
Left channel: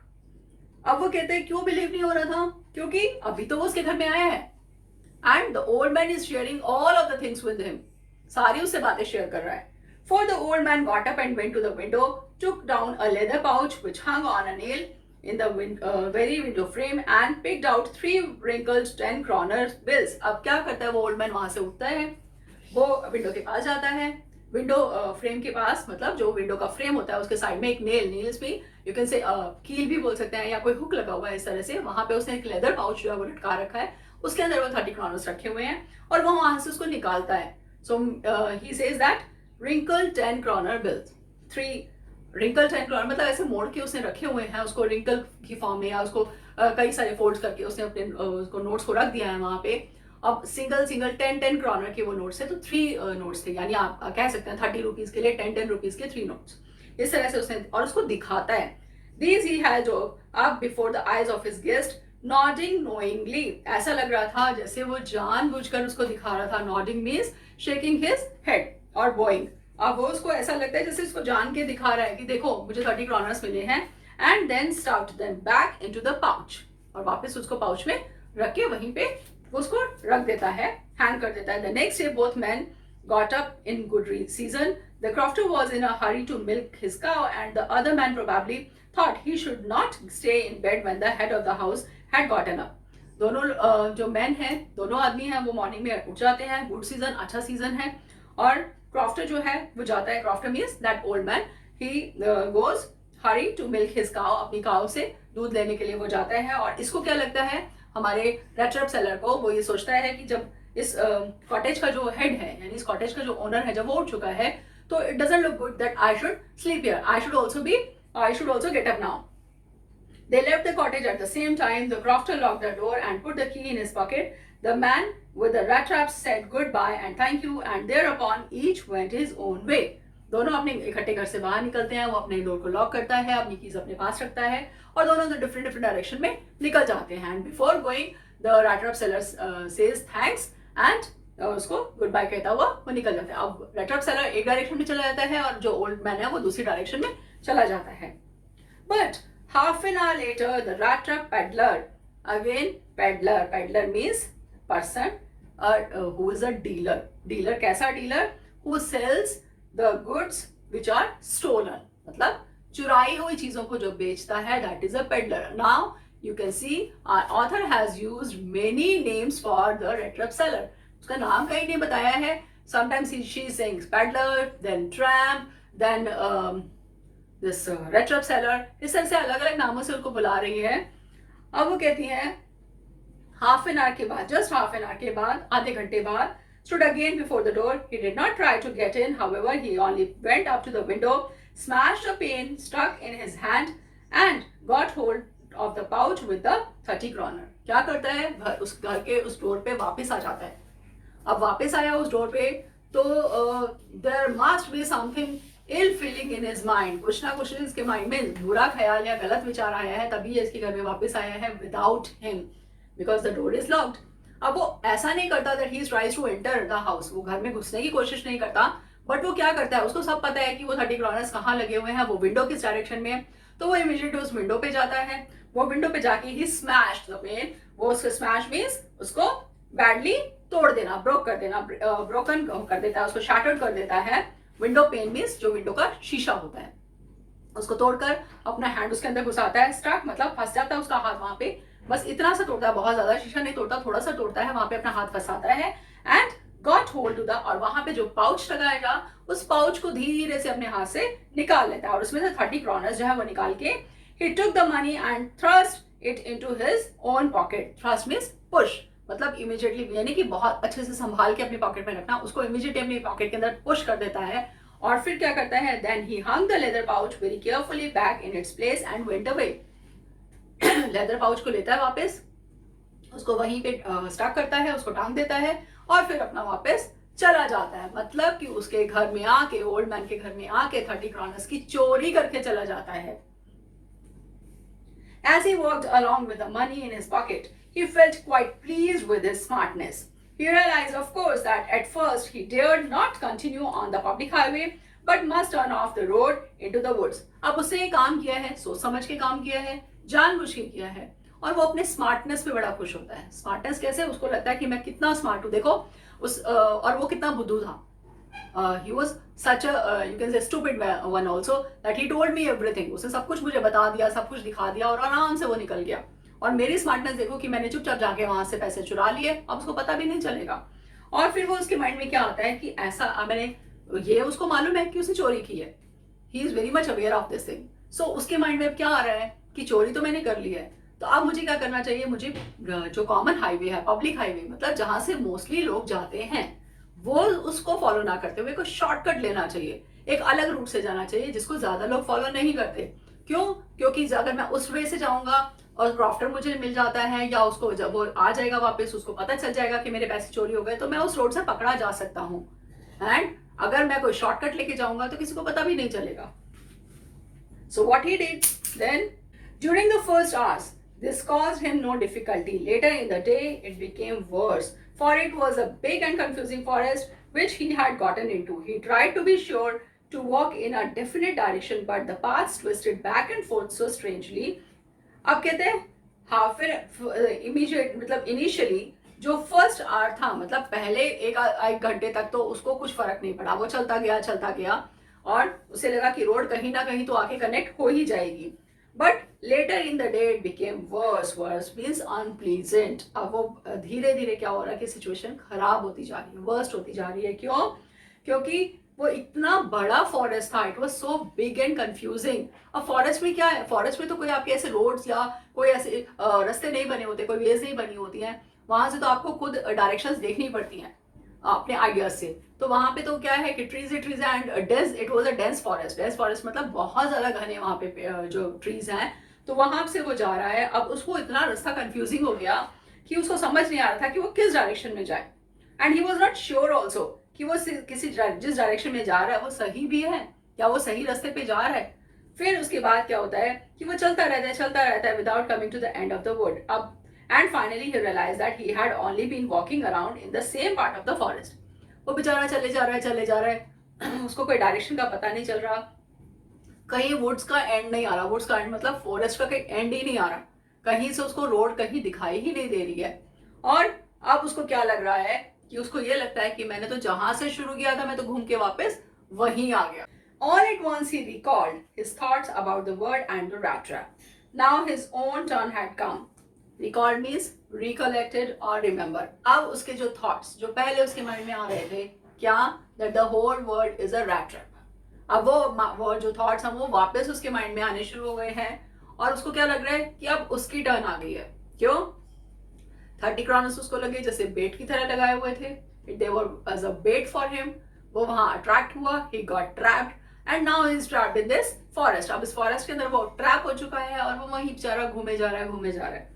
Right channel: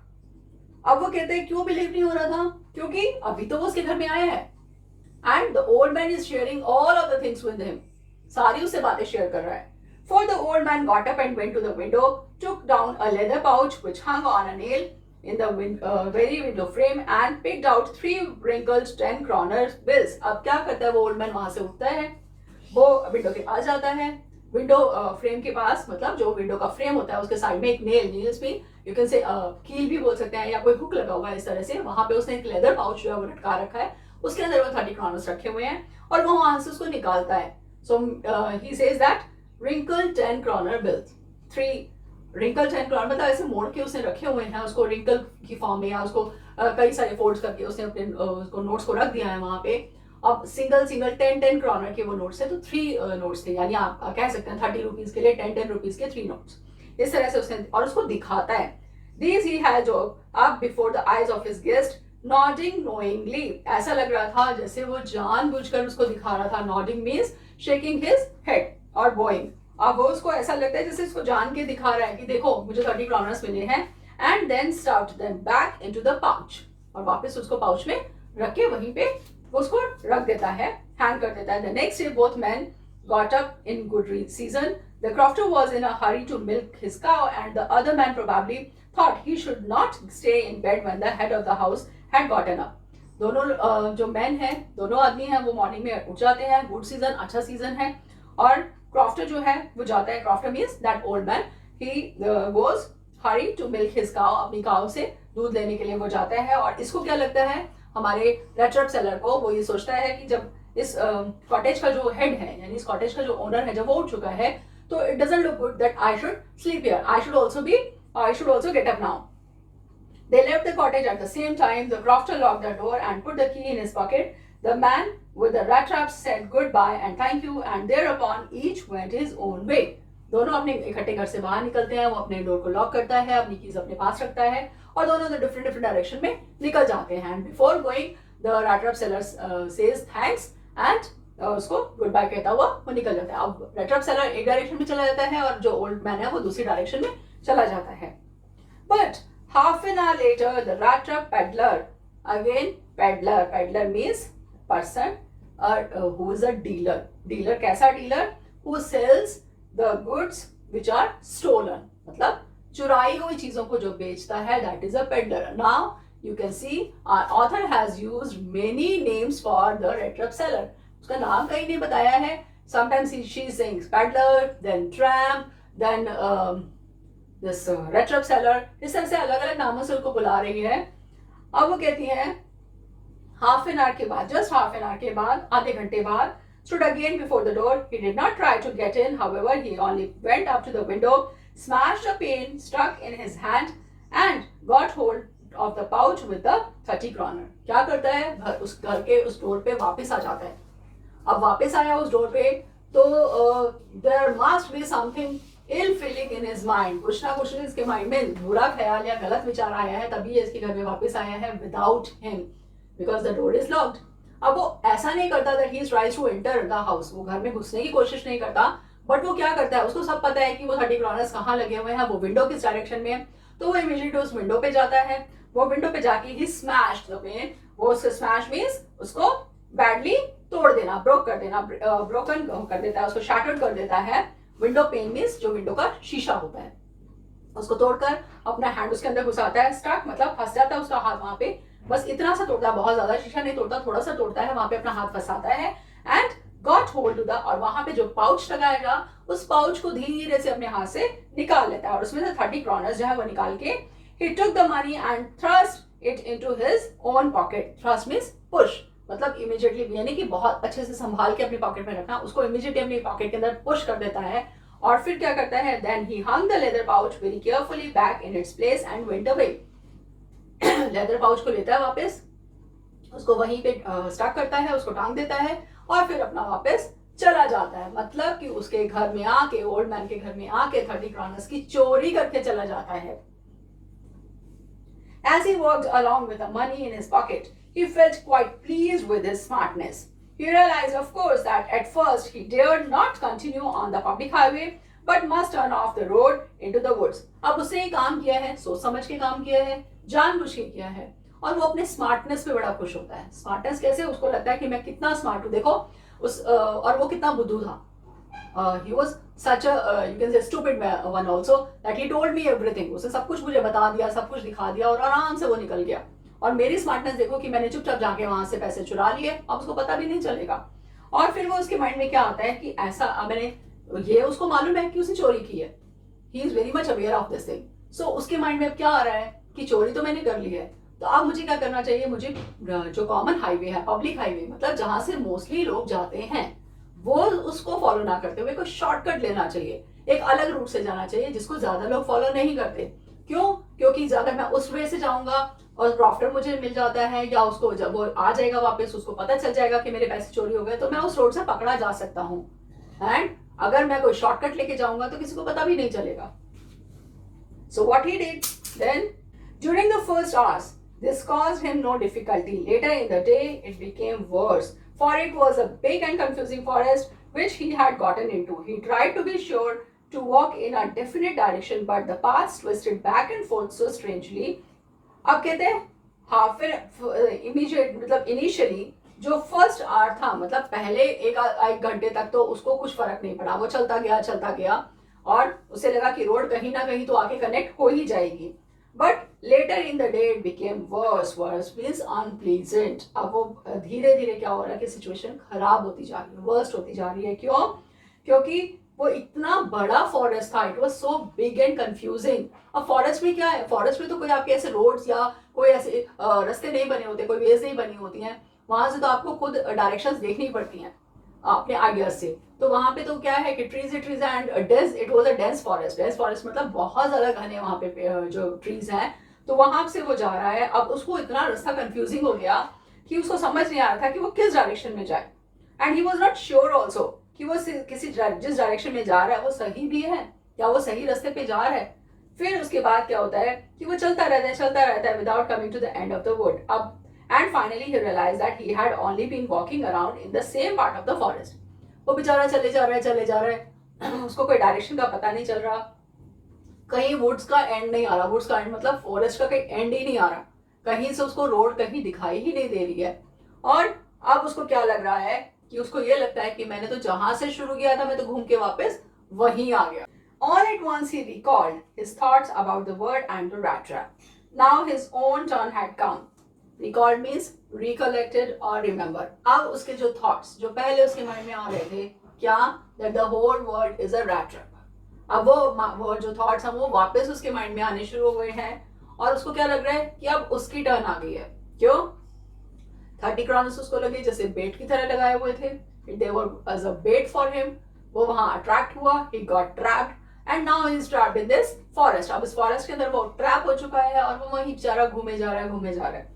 अब वो कहते हैं क्यों बिलीव नहीं हो रहा था? क्योंकि अभी तो वो उसके घर में आया है. And the old man is sharing all of the things with him. सारी उससे बातें शेयर कर रहा है. For the old man got up and went to the window, took down a leather pouch which hung on a nail in the very window frame and picked out 3 wrinkled 10 kroner bills. अब क्या करता है वो ओल्ड मैन? वहां से उठता है, वो विंडो के पास जाता है. विंडो फ्रेम के पास मतलब जो विंडो का फ्रेम होता है उसके साइड में एक नील्स भी यू कैन से कील भी बोल सकते हैं, या कोई हुक लगा हुआ है इस तरह से. वहां पे उसने एक लेदर पाउच जो है वो लटका रखा है, उसके अंदर वो 30 kroners रखे हुए हैं, और वो वहां से उसको निकालता है. So he says that wrinkled 10 kroner bills. 3 wrinkled 10 kroner मतलब ऐसे मोड़ के उसने रखे हुए हैं उसको रिंकल की फॉर्म में, या उसको कई सारे फोल्ड्स करके उसने अपने उसको नोट्स को रख दिया है वहां पे. अब सिंगल 10 kroner के वो नोट्स है, तो 3 नोट्स थे, यानी आप कह सकते हैं 30 रुपीज के लिए 10 रुपीज के 3 नोट्स. इस तरह से उसने और उसको दिखाता है. These he had up before the eyes of his guest, nodding knowingly. ऐसा लग रहा था जैसे वो जानबूझकर उसको दिखा रहा था. Nodding means shaking his head और bowing. अब वो उसको ऐसा लगता है जैसे उसको जान के दिखा रहा है कि देखो मुझे 30 kroners मिले हैं. And then stuffed them back into the pouch. और वापस उसको पाउच में रख के वहीं पे उसको रख देता है, हैंग कर देता है. The next day both men got up in good season. The crofter was in a hurry to milk his cow, and the other man probably thought he should not stay in bed when the head of the house had gotten up. दोनों जो मैन हैं, दोनों आदमी हैं, वो मॉर्निंग में उठ जाते हैं. गुड सीजन, अच्छा सीजन है. और क्रॉफ्टर जो है वो जाता है. Crofter means that old man. He goes hurry to milk his cow. अपनी काउ से दूध लेने के लिए वो जाता है. और इसको क्या लगता है हमारे rat trap seller को? वो ये सोचता है कि जब इस कॉटेज का जो हेड है, यानी इस कॉटेज का जो ओनर है, जब वो उठ चुका है, तो it doesn't look good that I should sleep here. I should also get up now. They left the cottage at the same time. The crofter locked the door and put the key in his pocket. The man with the rat traps said goodbye and thank you, and thereupon each went his own way. दोनों अपने इकट्ठे घर से बाहर निकलते हैं. वो अपने डोर को लॉक करता है, अपनी कीज अपने पास रखता है, और दोनों डिफरेंट डायरेक्शन में निकल जाते हैं. And before going the rat trap seller says thanks and उसको गुड बाय कहता हुआ वो निकल जाता है. अब rat trap seller एक डायरेक्शन में चला जाता है और जो ओल्ड मैन है वो दूसरी डायरेक्शन में चला जाता है. But half an hour later, the rat trap peddler, again peddler means person who is a dealer. Dealer कैसा dealer? Who sells the goods which are stolen. मतलब चुराई हुई चीजों को जो बेचता है, that is a peddler. Now you can see our author has used many names for the rat trap seller. उसका नाम कहीं नहीं बताया है. Sometimes she is saying peddler, then tramp, then this rat trap seller. इस तरह से अलग अलग नामों से उनको बुला रही है. अब वो कहती है हाफ एन आवर के बाद, जस्ट हाफ एन आवर के बाद, आधे घंटे बाद, stood again before the door. He did not try to get in, however, he only went up to the window, smashed a pane stuck in his hand, and got hold of the pouch with the 30 kroner. क्या करता है? उस घर के उस डोर पे वापस आ जाता है. अब वापस आया उस डोर पे, तो there must be something ill feeling in his mind. कुछ ना कुछ इसके माइंड में बुरा ख्याल या गलत विचार आया है, तभी ये इसके घर में वापस आया है without him, because the door is locked. अब वो ऐसा नहीं करता that he tries to enter the house. वो घर में घुसने की कोशिश नहीं करता, बट वो क्या करता है, उसको सब पता है कि वो 30 kroners कहाँ लगे हुए हैं, वो विंडो किस डायरेक्शन में है. तो वो इमीडिएटली उस विंडो पे जाता है. वो विंडो पे जाके ही स्मैश द पेन. वो उसको स्मैश मीन्स उसको बैडली तोड़ देना, ब्रोक कर देना, ब्रोकन कर देता है, उसको शैटर्ड कर देता है। विंडो पेन मीन्स जो विंडो का शीशा होता है, उसको तोड़कर अपना हैंड उसके अंदर घुसाता है, स्टक मतलब फंस जाता है उसका हाथ वहां पे, बस इतना सा तोड़ता है, बहुत ज्यादा शीशा नहीं तोड़ता, थोड़ा सा तोड़ता है, वहां पे अपना हाथ फंसाता है and got hold to the, और वहां पे जो पाउच लगाएगा उस पाउच को धीरे से अपने हाथ से निकाल लेता है और उसमें से 30 क्रॉनर्स जो है वो निकाल के he took the money and thrust it into his own pocket. Thrust means push, मतलब इमीडिएटली, यानी कि बहुत अच्छे से संभाल के अपनी पॉकेट में रखना, उसको इमीडिएटली अपनी पॉकेट के अंदर पुश कर देता है और फिर क्या करता है, then he hung the leather pouch very carefully back in its place and went away. Leather pouch को लेता है वापस, उसको वहीं पे स्टक करता है, उसको टांग देता है और फिर अपना वापस चला जाता है, मतलब कि उसके घर में आके, ओल्ड मैन के घर में आके 30 क्रॉनर्स की चोरी करके चला जाता है। As he walked along with the money in his pocket, he felt quite pleased with his smartness. He realized, of course, that at first he dared not continue on the public highway, but must turn off the road into the woods. अब उसने ये काम किया है, सोच समझ के काम किया है, जानबूझ के किया है, और वो अपने स्मार्टनेस पे बड़ा खुश होता है। स्मार्टनेस कैसे? उसको लगता है कि मैं कितना स्मार्ट हूँ, देखो और वो कितना बुद्धू था। he was such a you can say stupid one also that he told me everything. उसने सब कुछ मुझे बता दिया, सब कुछ दिखा दिया और आराम से वो निकल गया। और मेरी स्मार्टनेस देखो कि मैंने चुपचाप जाके वहां से पैसे चुरा लिए, अब उसको पता भी नहीं चलेगा। और फिर वो उसके माइंड में क्या आता है कि ऐसा, मैंने ये उसको मालूम है कि उसने चोरी की है, he is very much aware of this thing. So उसके माइंड में अब क्या आ रहा है कि चोरी तो मैंने कर ली है, तो अब मुझे क्या करना चाहिए, मुझे जो कॉमन हाईवे है, पब्लिक हाईवे, मतलब जहां से मोस्टली लोग जाते हैं, वो उसको फॉलो ना करते हुए कोई शॉर्टकट लेना चाहिए, एक अलग रूट से जाना चाहिए जिसको ज्यादा लोग फॉलो नहीं करते। क्यों? क्योंकि अगर मैं उस वे से जाऊंगा और प्रॉफिट मुझे मिल जाता है, या उसको जब वो आ जाएगा वापस, उसको पता चल जाएगा कि मेरे पैसे चोरी हो गए, तो मैं उस रोड से पकड़ा जा सकता हूँ। एंड अगर मैं कोई शॉर्टकट लेके जाऊंगा तो किसी को पता भी नहीं चलेगा। So what he did then, during the first hours this caused him no difficulty. Later in the day it became worse, for it was a big and confusing forest which he had gotten into. He tried to be sure to walk in a definite direction, but the paths twisted back and forth so strangely. अब कहते हैं हाँ, फिर इमीडिएट मतलब इनिशियली जो फर्स्ट आवर था, मतलब पहले एक घंटे तक तो उसको कुछ फर्क नहीं पड़ा, वो चलता गया और उसे लगा कि रोड कहीं ना कहीं तो आके कनेक्ट हो ही जाएगी। But later in the day it became worse means unpleasant. अब वो धीरे धीरे क्या हो रहा है कि सिचुएशन खराब होती जा रही है, वर्स्ट होती जा रही है। क्यों? क्योंकि वो इतना बड़ा फॉरेस्ट था, it was so big and confusing. अब फॉरेस्ट में क्या है, फॉरेस्ट में तो कोई आपके ऐसे रोड्स या कोई ऐसे रास्ते नहीं बने होते, कोई वेज नहीं बनी होती हैं, वहां से तो आपको खुद डायरेक्शंस देखनी पड़ती हैं अपने आइडियाज से। तो वहां पे तो क्या है कि trees and dense, it was a dense forest मतलब बहुत ज्यादा घने वहां पे जो ट्रीज हैं, तो वहां से वो जा रहा है। अब उसको इतना रास्ता कंफ्यूजिंग हो गया कि उसको समझ नहीं आ रहा था कि वो किस डायरेक्शन में जाए, and he was not sure also कि वो जिस डायरेक्शन में जा रहा है वो सही भी है या वो सही रास्ते पे जा रहा है। फिर उसके बाद क्या होता है कि वो चलता रहता है without coming to the end of the wood. अब and finally he realized that he had only been walking around in the same part of the forest. वो बेचारा चले जा रहा है उसको कोई डायरेक्शन का पता नहीं चल रहा, कहीं वुड्स का एंड नहीं आ रहा, वुड्स का एंड मतलब फॉरेस्ट का कहीं एंड ही नहीं आ रहा, कहीं से उसको रोड कहीं दिखाई ही नहीं दे रही है। और अब उसको क्या लग रहा है कि उसको ये लगता है कि मैंने तो जहां से शुरू किया था मैं तो घूम के वापस वहीं आ गया। All at once he recalled his thoughts about the word and the rat trap. Now his own turn had come. Recalled means recollected or remember. अब उसके जो thoughts जो पहले उसके माइंड में आ रहे थे, क्या, that the whole world is a rat trap. अब वो जो thoughts हैं वो वापस उसके माइंड में आने शुरू हो गए हैं और उसको क्या लग रहा है कि अब उसकी टर्न आ गई है। क्यों? 30 क्रॉनर्स उसको लगे जैसे बेट की तरह लगाए हुए थे, they were as a bait for him. वो वहां अट्रैक्ट हुआ, he got trapped and now he is trapped in this forest. अब इस फॉरेस्ट के अंदर वो ट्रैप हो चुका है और वो वहीं बेचारा घूमे जा रहा है।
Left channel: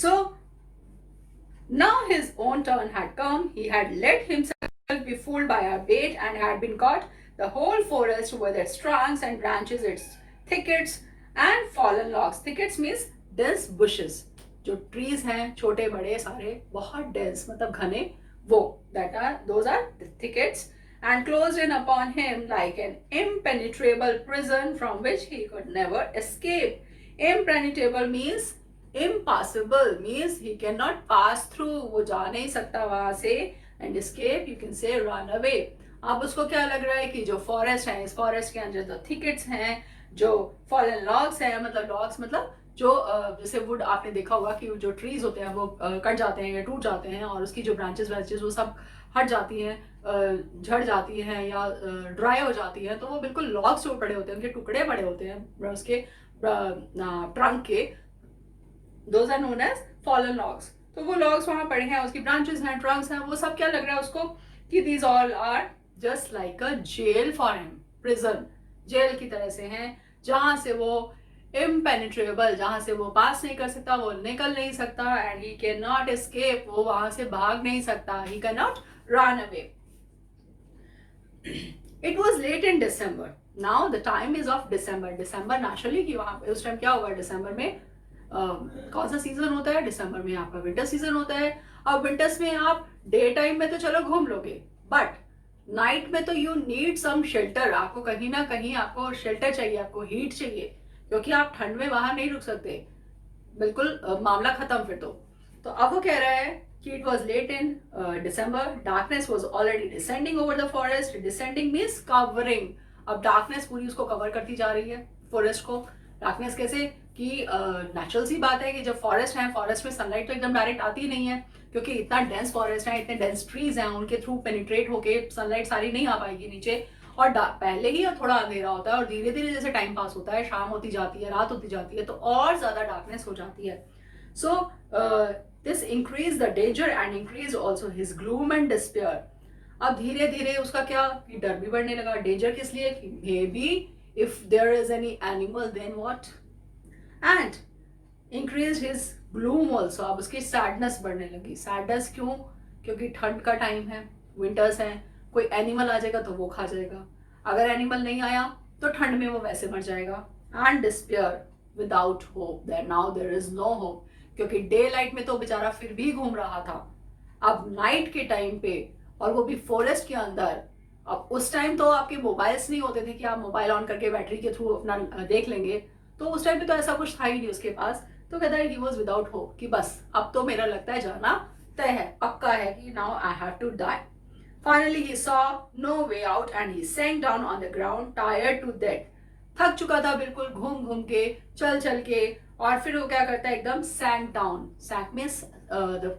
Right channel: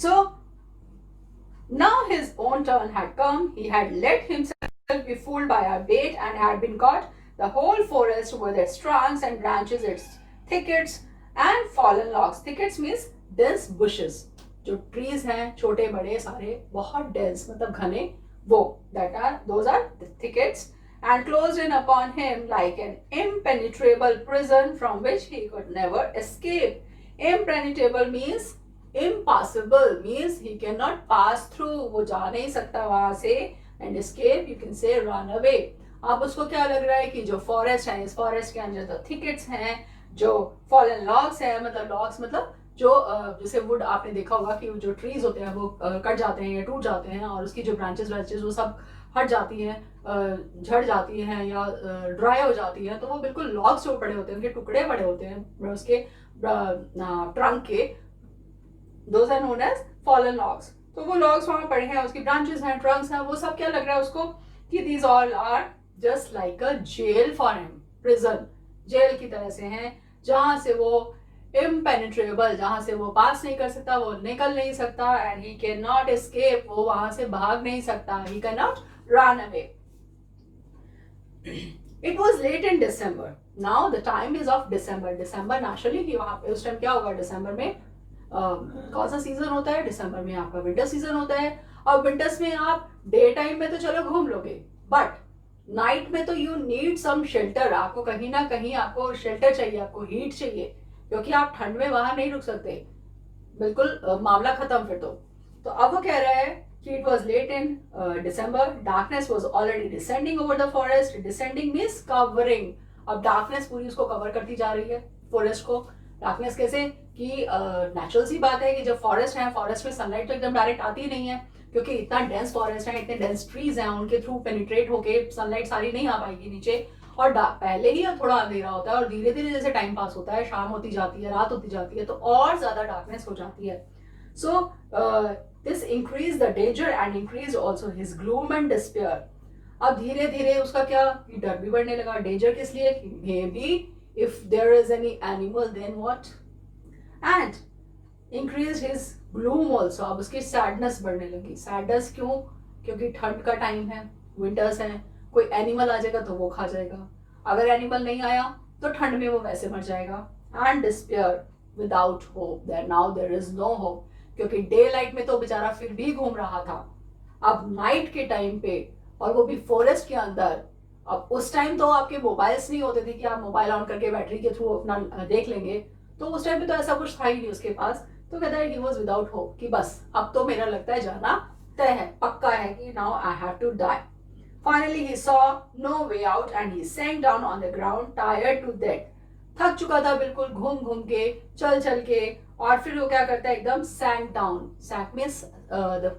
So now his own turn had come. He had let himself be fooled by a bait and had been caught. The whole forest with its trunks and branches, its thickets and fallen logs. Thickets means dense bushes. जो trees हैं छोटे बड़े सारे बहुत dense मतलब घने, वो those are the thickets, and closed in upon him like an impenetrable prison from which he could never escape. Impenetrable means Impassable means he cannot pass through, वो जा नहीं सकता वहां से. And escape you can say run away. अब उसको क्या लग रहा है कि जो फॉरेस्ट है, इस फॉरेस्ट के अंदर जो थिकेट्स हैं, जो फॉलन लॉग्स हैं, मतलब लॉग्स मतलब जो जैसे वुड आपने देखा होगा कि जो ट्रीज होते हैं वो कट जाते हैं या टूट जाते हैं और उसकी जो ब्रांचेस ब्रांचेस वो सब हट जाती हैं, झड़ जाती हैं या ड्राई हो जाती है, तो वो बिल्कुल लॉग्स जो पड़े होते हैं, उनके टुकड़े पड़े होते हैं उसके ट्रंक के, those are known as fallen logs. तो वो लॉग्स वहां पड़े हैं, उसकी ब्रांचेस हैं, ट्रंक्स हैं, वो सब क्या लग रहा है उसको कि these all are just like a jail for him, prison, jail की तरह से हैं, जहां से वो इम्पेनिट्रेबल, जहां से वो पास नहीं कर सकता, वो निकल नहीं सकता, and he can not escape, वो वहां से भाग नहीं सकता, he can not run away. It was late in December. Now the time is of December. December naturally कि वहां पे उस टाइम क्या होगा, डिसम्बर में कौन सा सीजन होता है, दिसंबर में आपका विंटर सीजन होता है. अब विंटर्स में आप डे टाइम में तो चलो घूम लोगे, बट नाइट में तो यू नीड सम शेल्टर. आपको कहीं ना कहीं आपको शेल्टर चाहिए, आपको हीट चाहिए, क्योंकि आप ठंड में बाहर नहीं रुक सकते, बिल्कुल मामला खत्म फिर तो अब वो कह रहा है कि it was late in December, darkness was already descending over the forest. Descending means covering. अब डार्कनेस पूरी उसको कवर करती जा रही है, फॉरेस्ट को. डार्कनेस कैसे कि नेचुरल सी बात है कि जब फॉरेस्ट है, फॉरेस्ट में सनलाइट तो एकदम डायरेक्ट आती नहीं है, क्योंकि इतना डेंस फॉरेस्ट है, इतने डेंस ट्रीज हैं, उनके थ्रू पेनिट्रेट होके सनलाइट सारी नहीं आ पाएगी नीचे. और पहले ही थोड़ा अंधेरा होता है और धीरे धीरे जैसे टाइम पास होता है, शाम होती जाती है, रात होती जाती है, तो और ज्यादा डार्कनेस हो जाती है. So this increase the danger and increase also his gloom and despair. अब धीरे धीरे उसका क्या कि डर भी बढ़ने लगा. डेंजर किस लिए कि maybe if there is any animal then what, and increase his gloom also. अब उसकी सैडनेस बढ़ने लगी. सैडनेस क्यों? क्योंकि ठंड का टाइम है, विंटर्स हैं, कोई एनिमल आ जाएगा तो वो खा जाएगा, अगर एनिमल नहीं आया तो ठंड में वो वैसे मर जाएगा. And despair without hope, that now there is no hope, क्योंकि डे लाइट में तो बेचारा फिर भी घूम रहा था, अब नाइट के टाइम पे, और वो भी फॉरेस्ट के अंदर. अब उस टाइम तो आपके मोबाइल्स नहीं होते थे कि आप मोबाइल ऑन करके बैटरी के थ्रू अपना देख लेंगे, तो उस टाइम पे तो ऐसा कुछ था ही नहीं उसके पास. तो कहता है ही वॉज विदाउट होप कि बस अब तो मेरा लगता है जाना तय है, पक्का है कि now I have to die. Finally he saw no way out and he sank down on the ground tired to death. थक चुका था बिल्कुल, घूम घूम के, चल चल के, और फिर वो क्या करता है एकदम sank down. Sank means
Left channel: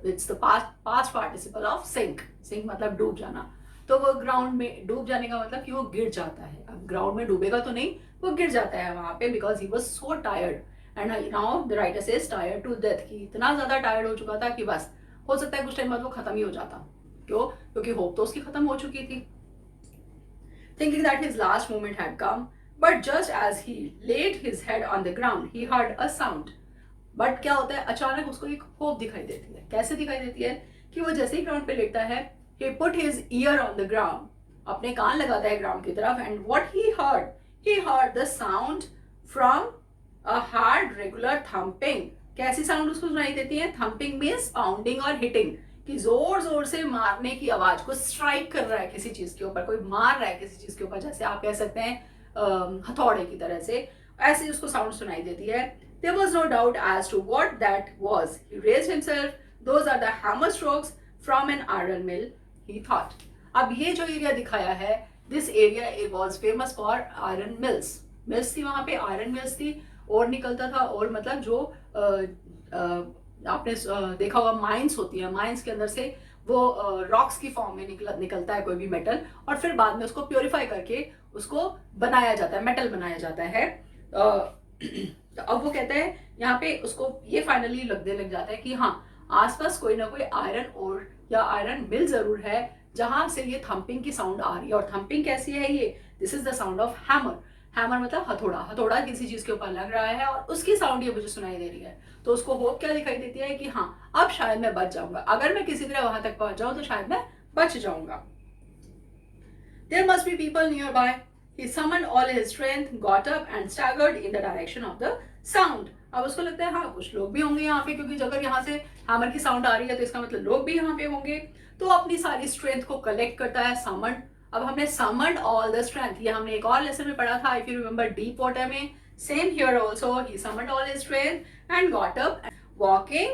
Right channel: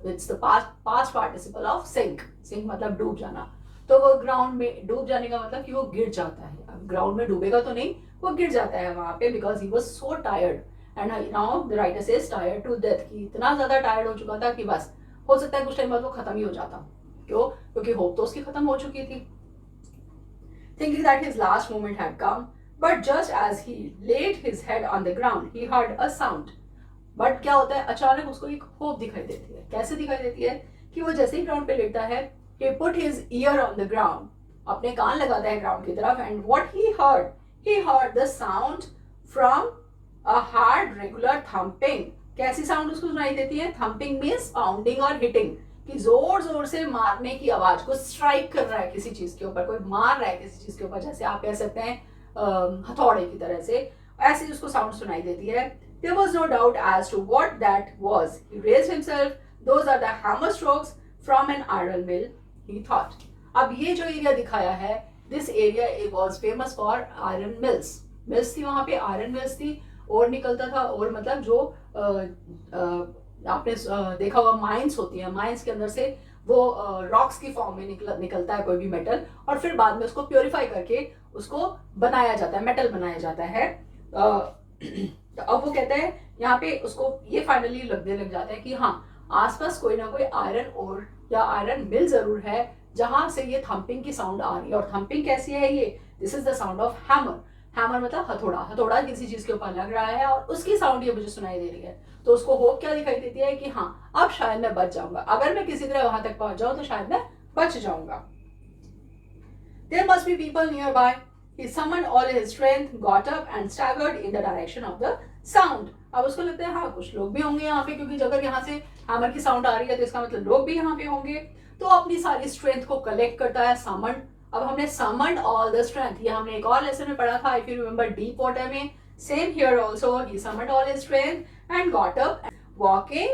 it's the past participle of sink. Sink मतलब डूब जाना. तो वो ग्राउंड में डूब जाने का मतलब कि वो गिर जाता है. अब ग्राउंड में डूबेगा तो नहीं, वो गिर जाता है वहां पे, because he was so tired. And now the writer says tired to death, कि इतना ज्यादा टायर्ड हो चुका था कि बस हो सकता है कुछ टाइम बाद वो खत्म ही हो जाता. क्यों? क्योंकि होप तो उसकी खत्म हो चुकी थी. Thinking that his last moment had come, but just as he laid his head on the ground he heard a sound. But क्या होता है, अचानक उसको एक होप दिखाई देती है. कैसे दिखाई देती है कि वो जैसे ही ग्राउंड पे लेटता है, he put his ear on the ground, अपने कान लगाता है ग्राउंड की तरफ, and what he heard the sound from a hard regular thumping. कैसी साउंड उसको सुनाई देती है? थम्पिंग मीन्स पाउंडिंग और हिटिंग, कि जोर जोर से मारने की आवाज, को स्ट्राइक कर रहा है किसी चीज के ऊपर, कोई मार रहा है किसी चीज के ऊपर, जैसे आप कह सकते हैं हथौड़े की तरह से, ऐसे उसको साउंड सुनाई देती है. There was no doubt as to what that was. He raised himself. Those are the hammer strokes from an iron mill, he thought. अब ये जो एरिया दिखाया है, this area it was famous for iron mills. Mills थी वहां पे, आयरन मिल्स थी, और निकलता था, और मतलब जो आपने देखा होगा माइंस होती है, माइंस के अंदर से वो रॉक्स की फॉर्म में निकलता है कोई भी मेटल, और फिर बाद में उसको प्योरीफाई करके उसको बनाया जाता है, मेटल बनाया जाता है. तो अब वो कहता है यहाँ पे उसको ये फाइनली लगने लग जाता है कि हाँ, आसपास कोई ना कोई आयरन और या आयरन मिल जरूर है जहां से ये थम्पिंग की साउंड आ रही है. और थम्पिंग कैसी है ये? This is the sound of hammer. Hammer मतलब हथौड़ा. हथौड़ा किसी चीज के ऊपर लग रहा है और उसकी साउंड ये मुझे सुनाई दे रही है. तो उसको होप क्या दिखाई देती है कि हाँ, अब शायद मैं बच जाऊंगा, अगर मैं किसी तरह वहां तक पहुंच जाऊं तो शायद मैं बच जाऊंगा. There must be people nearby. He summoned all his strength, got up and staggered in the direction of the sound. अब उसको लगता है हाँ, कुछ लोग भी होंगे यहाँ पे, क्योंकि अगर यहाँ से हैमर की साउंड आ रही है तो इसका मतलब लोग भी यहाँ पे होंगे. तो अपनी सारी स्ट्रेंथ को कलेक्ट करता है, समन. अब हमने समन्ड ऑल द स्ट्रेंथ, ये हमने एक और लेसन में पढ़ा था, if you remember deep water में. Same here also, he summoned all his strength and got up. Walking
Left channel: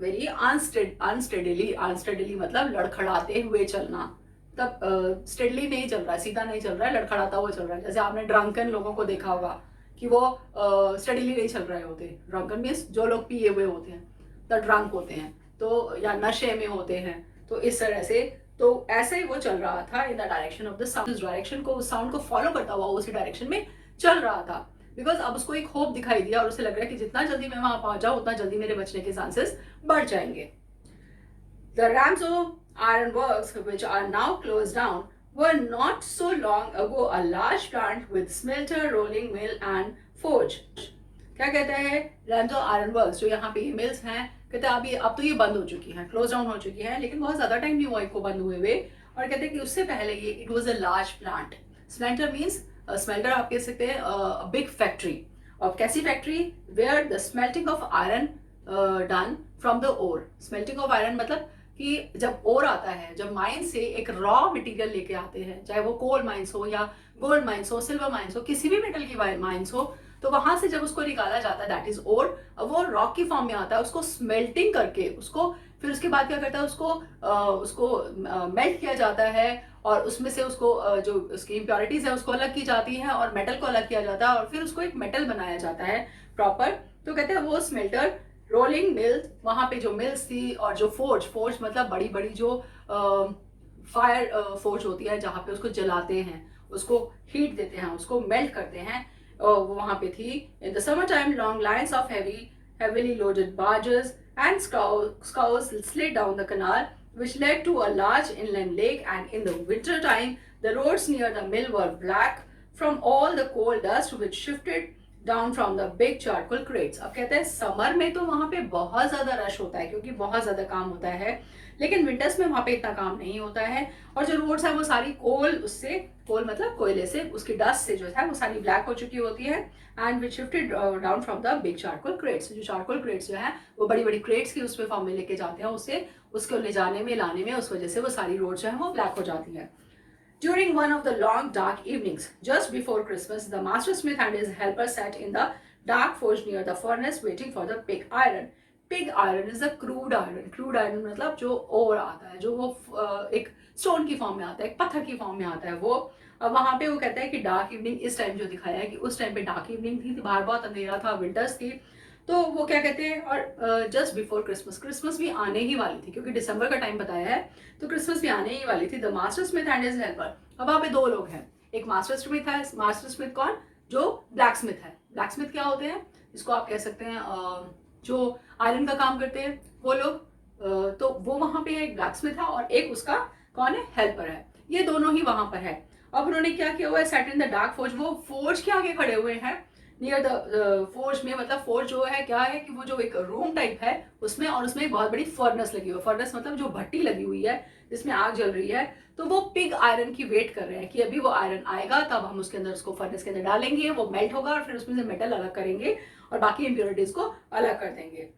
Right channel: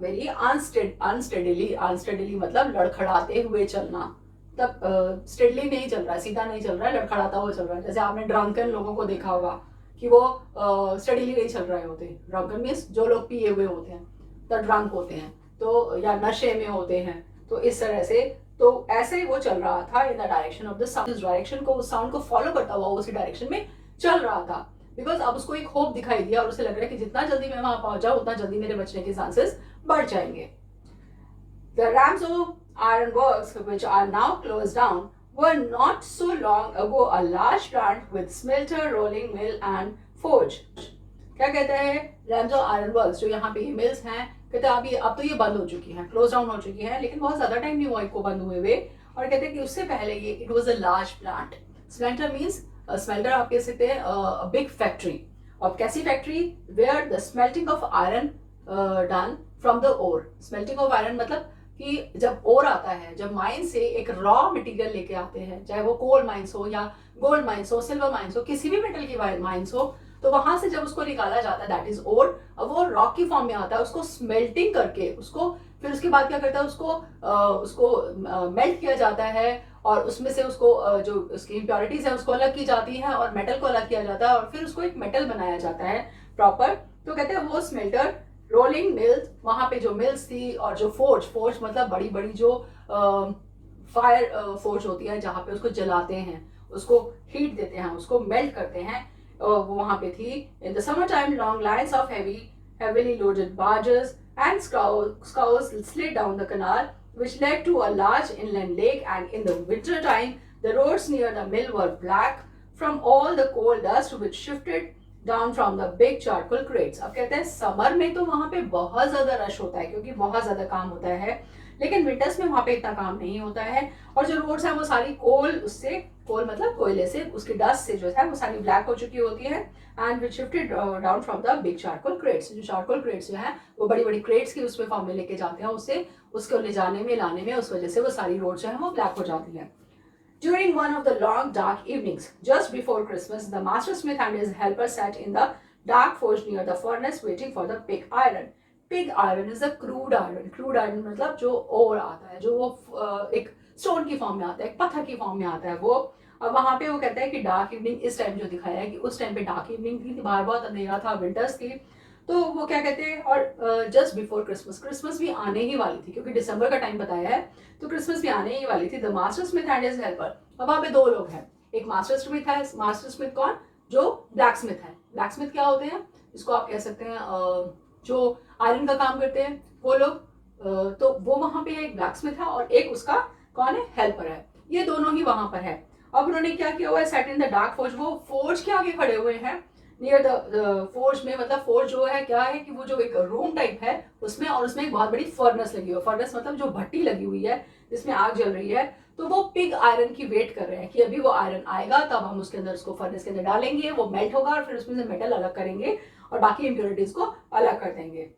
very unsteadily मतलब लड़खड़ाते हुए चलना, तब स्टेडली नहीं चल रहा है, सीधा नहीं चल रहा है, लड़खड़ाता हुआ चल रहा है। जैसे आपने ड्रंकन लोगों को देखा होगा कि वो स्टेडली नहीं चल रहे होते। ड्रंकन मीन्स जो लोग पिए हुए होते हैं, द ड्रंक होते हैं, तो या नशे में होते हैं, तो इस तरह से। तो ऐसे ही वो चल रहा था in the direction of the sound, उस डायरेक्शन को, उस साउंड को फॉलो करता हुआ उसी डायरेक्शन में चल रहा था। बिकॉज अब उसको एक होप दिखाई दिया और उसे लग रहा है कि जितना जल्दी मैं वहां पहुंच जाऊं उतना जल्दी मेरे बचने के चांसेस बढ़ जाएंगे। The Ramsau Iron Works, which are now closed down, were not so long ago a large plant with smelter, rolling mill and forge. क्या कहते हैं रैमजो आयरन वर्क्स, जो यहाँ पे मिल्स हैं, कहते हैं अभी अब तो ये बंद हो चुकी हैं, क्लोज डाउन हो चुकी हैं, लेकिन बहुत ज्यादा टाइम नहीं हुआ इनको बंद हुए हुए। और कहते हैं कि उससे पहले ये it was a large plant. Smelter means, smelter आप कह सकते हैं बिग फैक्ट्री। और कैसी factory? Where the smelting of iron done from the ore. Smelting of iron मतलब कि जब ओर आता है, जब माइन से एक रॉ मटेरियल लेके आते हैं, चाहे वो कोल माइंस हो या गोल्ड माइंस हो, सिल्वर माइंस हो, किसी भी मेटल की माइंस हो, तो वहां से जब उसको निकाला जाता है दैट इज ओर। अब वो रॉक की फॉर्म में आता है, उसको स्मेल्टिंग करके उसको फिर उसके बाद क्या करता है, उसको मेल्ट किया जाता है और उसमें से उसको जो उसकी इम्प्योरिटीज है उसको अलग की जाती है और मेटल को अलग किया जाता है और फिर उसको एक मेटल बनाया जाता है प्रॉपर। तो कहते हैं वो स्मेल्टर, रोलिंग मिल, वहां पे जो मिल्स थी, और जो फोर्ज, फोर्ज मतलब बड़ी बड़ी जो फायर फोर्ज होती है जहाँ पे उसको जलाते हैं, उसको हीट देते हैं, उसको मेल्ट करते हैं, वो वहां पे थी। In the summer time long lines of heavily loaded barges and scows slid down the canal which led to a large inland lake, and in the winter time the roads near the mill were black from all the coal dust which shifted down from the big charcoal crates. अब कहते हैं समर में तो वहां पे बहुत ज्यादा रश होता है क्योंकि बहुत ज्यादा काम होता है, लेकिन विंटर्स में वहां पे इतना काम नहीं होता है। और जो रोड्स है वो सारी कोल, उससे, कोल मतलब कोयले से, उसकी डस्ट से जो है वो सारी ब्लैक हो चुकी होती है। And which shifted down from the big charcoal crates, जो चारकोल क्रेट्स जो है वो बड़ी बड़ी क्रेट्स की उसमें फॉर्म में लेके जाते हैं, उससे उसको ले जाने में, लाने में, उस वजह से वो सारी रोड जो है वो ब्लैक हो जाती है। During one of the long dark evenings just before Christmas, the master smith and his helper sat in the dark forge near the furnace waiting for the pig iron. Pig iron is the crude iron. Crude iron मतलब जो और आता है, जो वो एक स्टोन की फॉर्म में आता है, एक पत्थर की फॉर्म में आता है वो। अब वहां पे वो कहता है कि डार्क इवनिंग, इस टाइम जो दिखाया है कि उस टाइम पे डार्क इवनिंग थी, बाहर बहुत अंधेरा था, विंटर्स थी, तो वो क्या कहते हैं, और जस्ट बिफोर क्रिसमस, क्रिसमस भी आने ही वाली थी क्योंकि दिसंबर का टाइम बताया है, तो क्रिसमस भी आने ही वाली थी। The master Smith and his helper, अब वहां पे दो लोग हैं, एक मास्टर स्मिथ है। मास्टर स्मिथ कौन? जो ब्लैक स्मिथ है। ब्लैक स्मिथ क्या होते हैं? इसको आप कह सकते हैं जो आयरन का काम करते हैं वो लोग। तो वो वहां पे एक ब्लैक स्मिथ है और एक उसका कौन है? हेल्पर है। ये दोनों ही वहां पर है। अब उन्होंने क्या किया हुआ है? Set in the dark forge, वो फोर्ज के आगे खड़े हुए हैं, नियर द फोर्ज में, मतलब फोर्ज जो है क्या है कि वो जो एक रूम टाइप है उसमें, और उसमें एक बहुत बड़ी फर्नेस लगी हुई है। फर्नेस मतलब जो भट्टी लगी हुई है जिसमें आग जल रही है, तो वो पिग आयरन की वेट कर रहे हैं कि अभी वो आयरन आएगा तब हम उसके अंदर, उसको फर्नेस के अंदर डालेंगे, वो मेल्ट होगा और फिर उसमें से मेटल अलग करेंगे और बाकी इम्प्योरिटीज को अलग कर देंगे।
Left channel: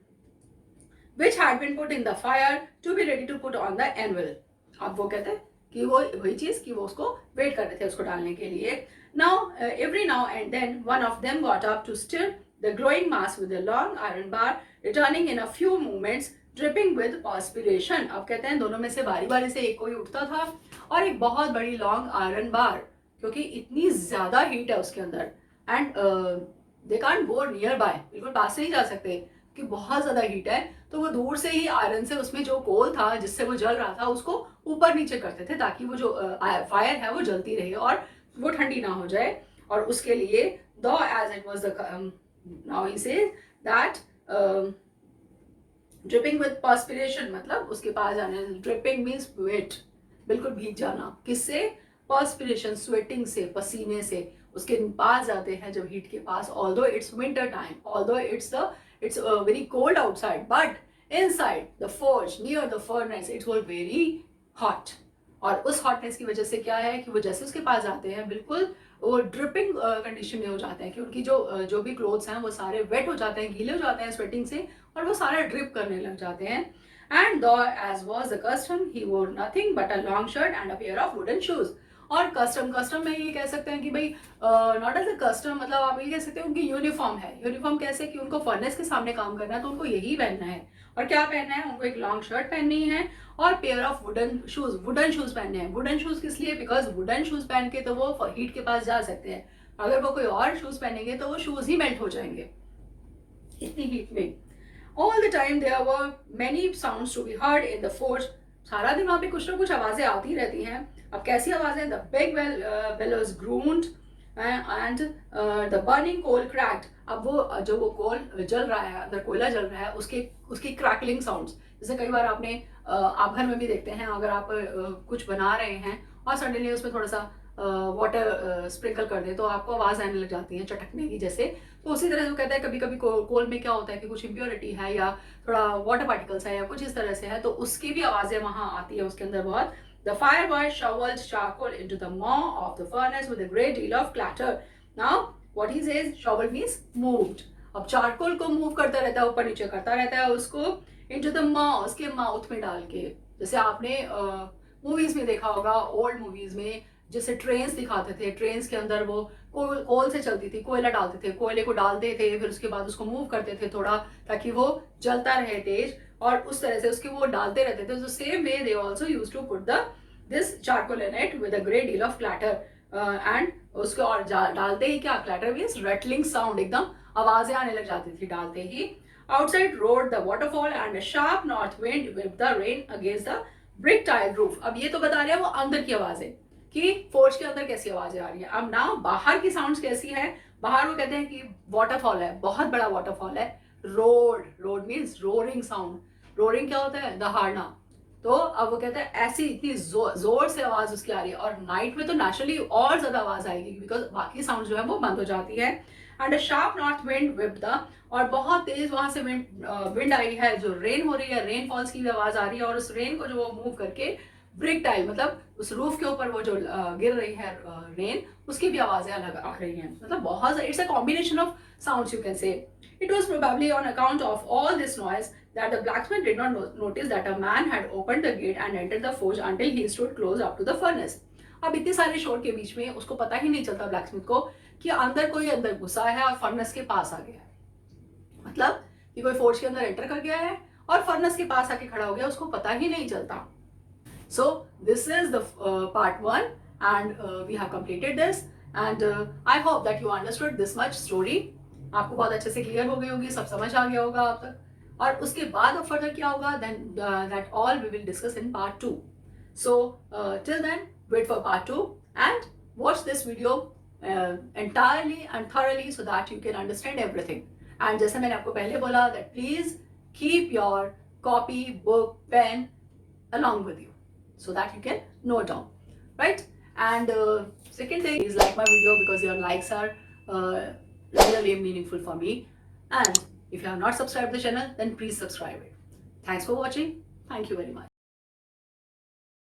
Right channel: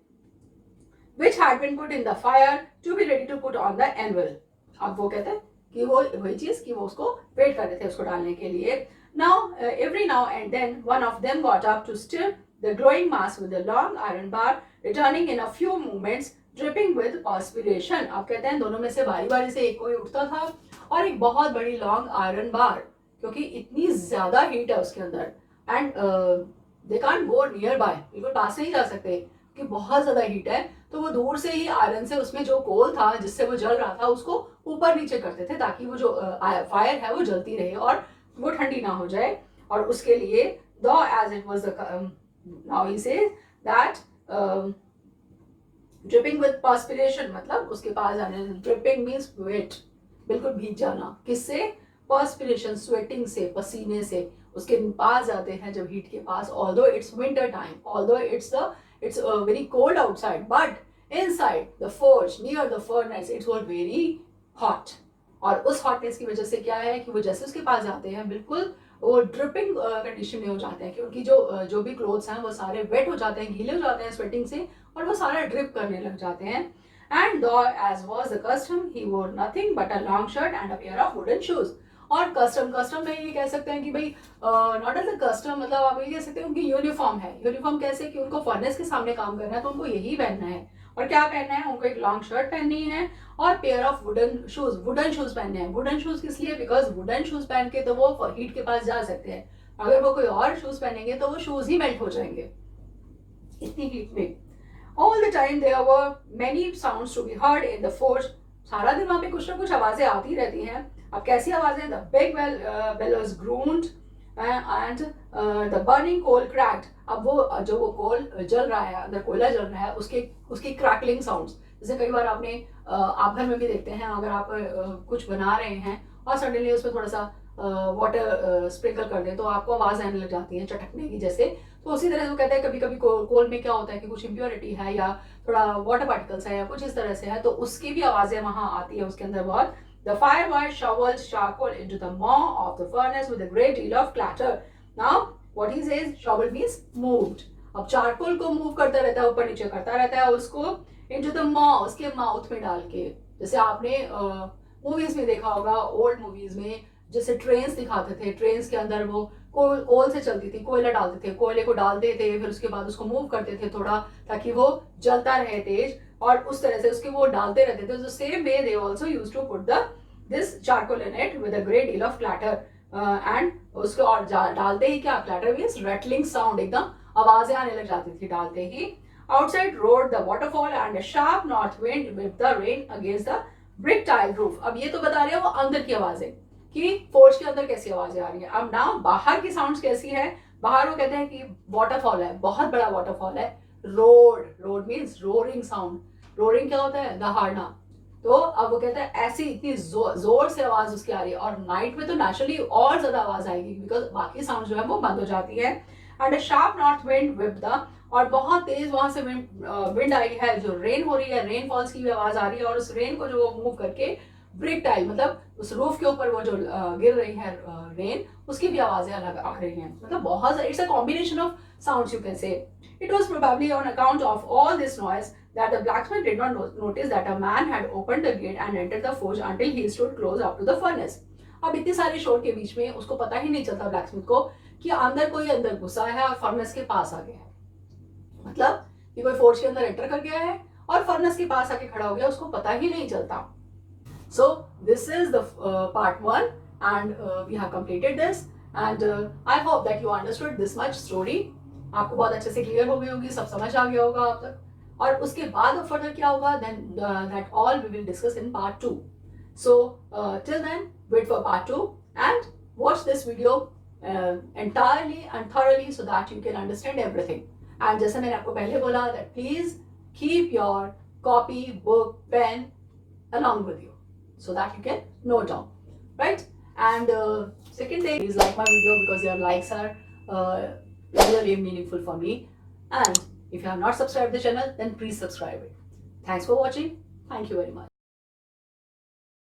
which had been put in the fire to be ready to put on the anvil. अब वो कहते हैं कि वो वही चीज कि वो उसको वेट कर रहे थे उसको डालने के लिए। Now every now and then one of them got up to stir the glowing mass with a long iron bar, returning in a few moments dripping with perspiration. अब कहते हैं दोनों में से बारी बारी से एक कोई उठता था और एक बहुत बड़ी लॉन्ग आयरन बार, क्योंकि इतनी ज्यादा हीट है उसके अंदर, and they can't go near by, बिल्कुल पास नहीं जा सकते कि बहुत ज्यादा हीट है, तो वो दूर से ही आयरन से, उसमें जो कोल था जिससे वो जल रहा था उसको ऊपर नीचे करते थे ताकि वो जो फायर है वो जलती रहे और वो ठंडी ना हो जाए। और उसके लिए दो as it was the, now he says that dripping with perspiration, मतलब उसके पास जाने, ड्रिपिंग मीन्स वेट, बिल्कुल भीग जाना, किससे? पर्सपिरेशन, स्वेटिंग से, पसीने से उसके पास जाते हैं जब हीट के पास। Although it's winter time, although it's very cold outside, but inside the forge near the furnace it was very hot. और उस हॉटनेस की वजह से क्या है कि वो जैसे उसके पास जाते हैं बिल्कुल वो ड्रिपिंग कंडीशन में हो जाते हैं कि उनकी जो भी क्लोथ्स हैं वो सारे वेट हो जाते हैं, गीले हो जाते हैं स्वेटिंग से, और वो सारे ड्रिप करने लग जाते हैं। And though as was the custom he wore nothing but a long shirt and a pair of wooden shoes. और कस्टम में ये कह सकते हैं कि भाई नॉट एज अ कस्टम, मतलब आप ये कह सकते हैं उनकी यूनिफॉर्म है। यूनिफॉर्म कैसे कि उनको फर्नेस के सामने काम करना है तो उनको यही पहनना है। और क्या पहनना है, उनको एक लॉन्ग शर्ट पहननी है और पेयर ऑफ वुडन शूज पहनने हैं। वुडन शूज किस लिए, बिकॉज वुडन शूज पहन के तो वो हीट के पास जा सकते हैं। अगर वो कोई और शूज पहनेंगे तो वो शूज ही मेल्ट हो जाएंगे इतनी हीट में। All the time there were many sounds to be heard in the forge. सारा दिन वहाँ पे कुछ ना कुछ आवाजें आती रहती हैं। अब कैसी आवाजें, the big bellows groaned and the burning coal cracked। अब वो जो वो कोल जल रहा है, अंदर कोयला जल रहा है, उसकी क्रैकलिंग साउंड्स, जैसे कई बार आपने आप घर में भी देखते हैं, अगर आप कुछ बना रहे हैं और सडनली उसमें थोड़ा सा वाटर स्प्रिंकल कर दे तो आपको आवाज आने लग जाती है चटकने की जैसे। तो उसी तरह से वो कहता है कभी कभी कोल में क्या होता है कि कुछ इम्प्योरिटी है या थोड़ा वाटर पार्टिकल्स है या कुछ इस तरह से है, तो उसकी भी आवाजें वहां आती है उसके अंदर बहुत। The firebird shoveled charcoal into the maw of the furnace with a great deal of clatter. Now, what he says, shovel means moved. अब चारकोल को मूव करता रहता है, ऊपर नीचे करता रहता है उसको into the maw, उसके माउथ में डाल के। जैसे आपने मूवीज में देखा होगा, ओल्ड मूवीज में जैसे ट्रेन्स दिखाते थे, ट्रेन्स के अंदर वो कोल से चलती थी, कोयला डालते थे, कोयले को डालते थे, फिर उसके बाद उसको मूव करते थे थोड़ा ताकि वो जलता रहे तेज, और उस तरह से उसके वो डालते रहते थे। Same way they also used to put the this charcoal in it with a great deal of clatter and उसको और डालते ही क्या, क्लैटर मींस रटलिंग साउंड, एकदम आवाजें आने लग जाती थी डालते ही। Outside roared the waterfall and a sharp north wind with the rain against the brick tile roof. अब ये तो बता रहे हैं वो अंदर की आवाजें कि फोर्ज के अंदर कैसी आवाजें आ रही है। अब ना बाहर की साउंड्स कैसी है, बाहर वो कहते हैं कि वाटरफॉल है, बहुत बड़ा वाटरफॉल है। Road means roaring sound. Roaring क्या होता है, दहाड़ना। तो अब वो कहते हैं ऐसी इतनी जोर से आवाज उसकी आ रही है, और नाइट में तो नेचुरली और ज्यादा आवाज आएगी बिकॉज बाकी साउंड जो है वो बंद हो जाती है। And a sharp north wind whip the, और बहुत तेज वहां से विंड आई है, जो रेन हो रही है, रेन फॉल्स की भी आवाज आ रही है, और उस रेन को जो मूव करके ब्रिक टाइल मतलब उस रूफ के ऊपर वो जो गिर रही है रेन, उसकी भी आवाजें अलग आ रही हैं। मतलब बहुत सारे, it's a combination of sounds you can से। It was probably on account of all this noise that the blacksmith did not notice that a man had opened the gate and entered the forge until he stood close up to the furnace। अब इतने सारे शोर के बीच में उसको पता ही नहीं चलता ब्लैकस्मिथ को कि अंदर कोई अंदर घुसा है और फर्नेस के पास आ गया है। मतलब कि कोई फोर्ज के अंदर एंटर कर गया है और फर्नेस के पास आके खड़ा हो गया, उसको पता ही नहीं चलता। So this is the part 1 and we have completed this and I hope that you understood this much story। आपको बहुत अच्छे से क्लियर हो गई होगी, सब समझ आ गया होगा आप तक। और उसके बाद अब फर्दर क्या होगा, then that all we will discuss in part 2। So till then wait for part 2 and watch this video entirely and thoroughly so that you can understand everything। and जैसे मैंने आपको पहले बोला that please keep your copy, book, pen along with you so that you can note down, right? And second thing is like my video because your likes are really meaningful for me. And if you have not subscribed the channel, then please subscribe it. Thanks for watching. Thank you very much.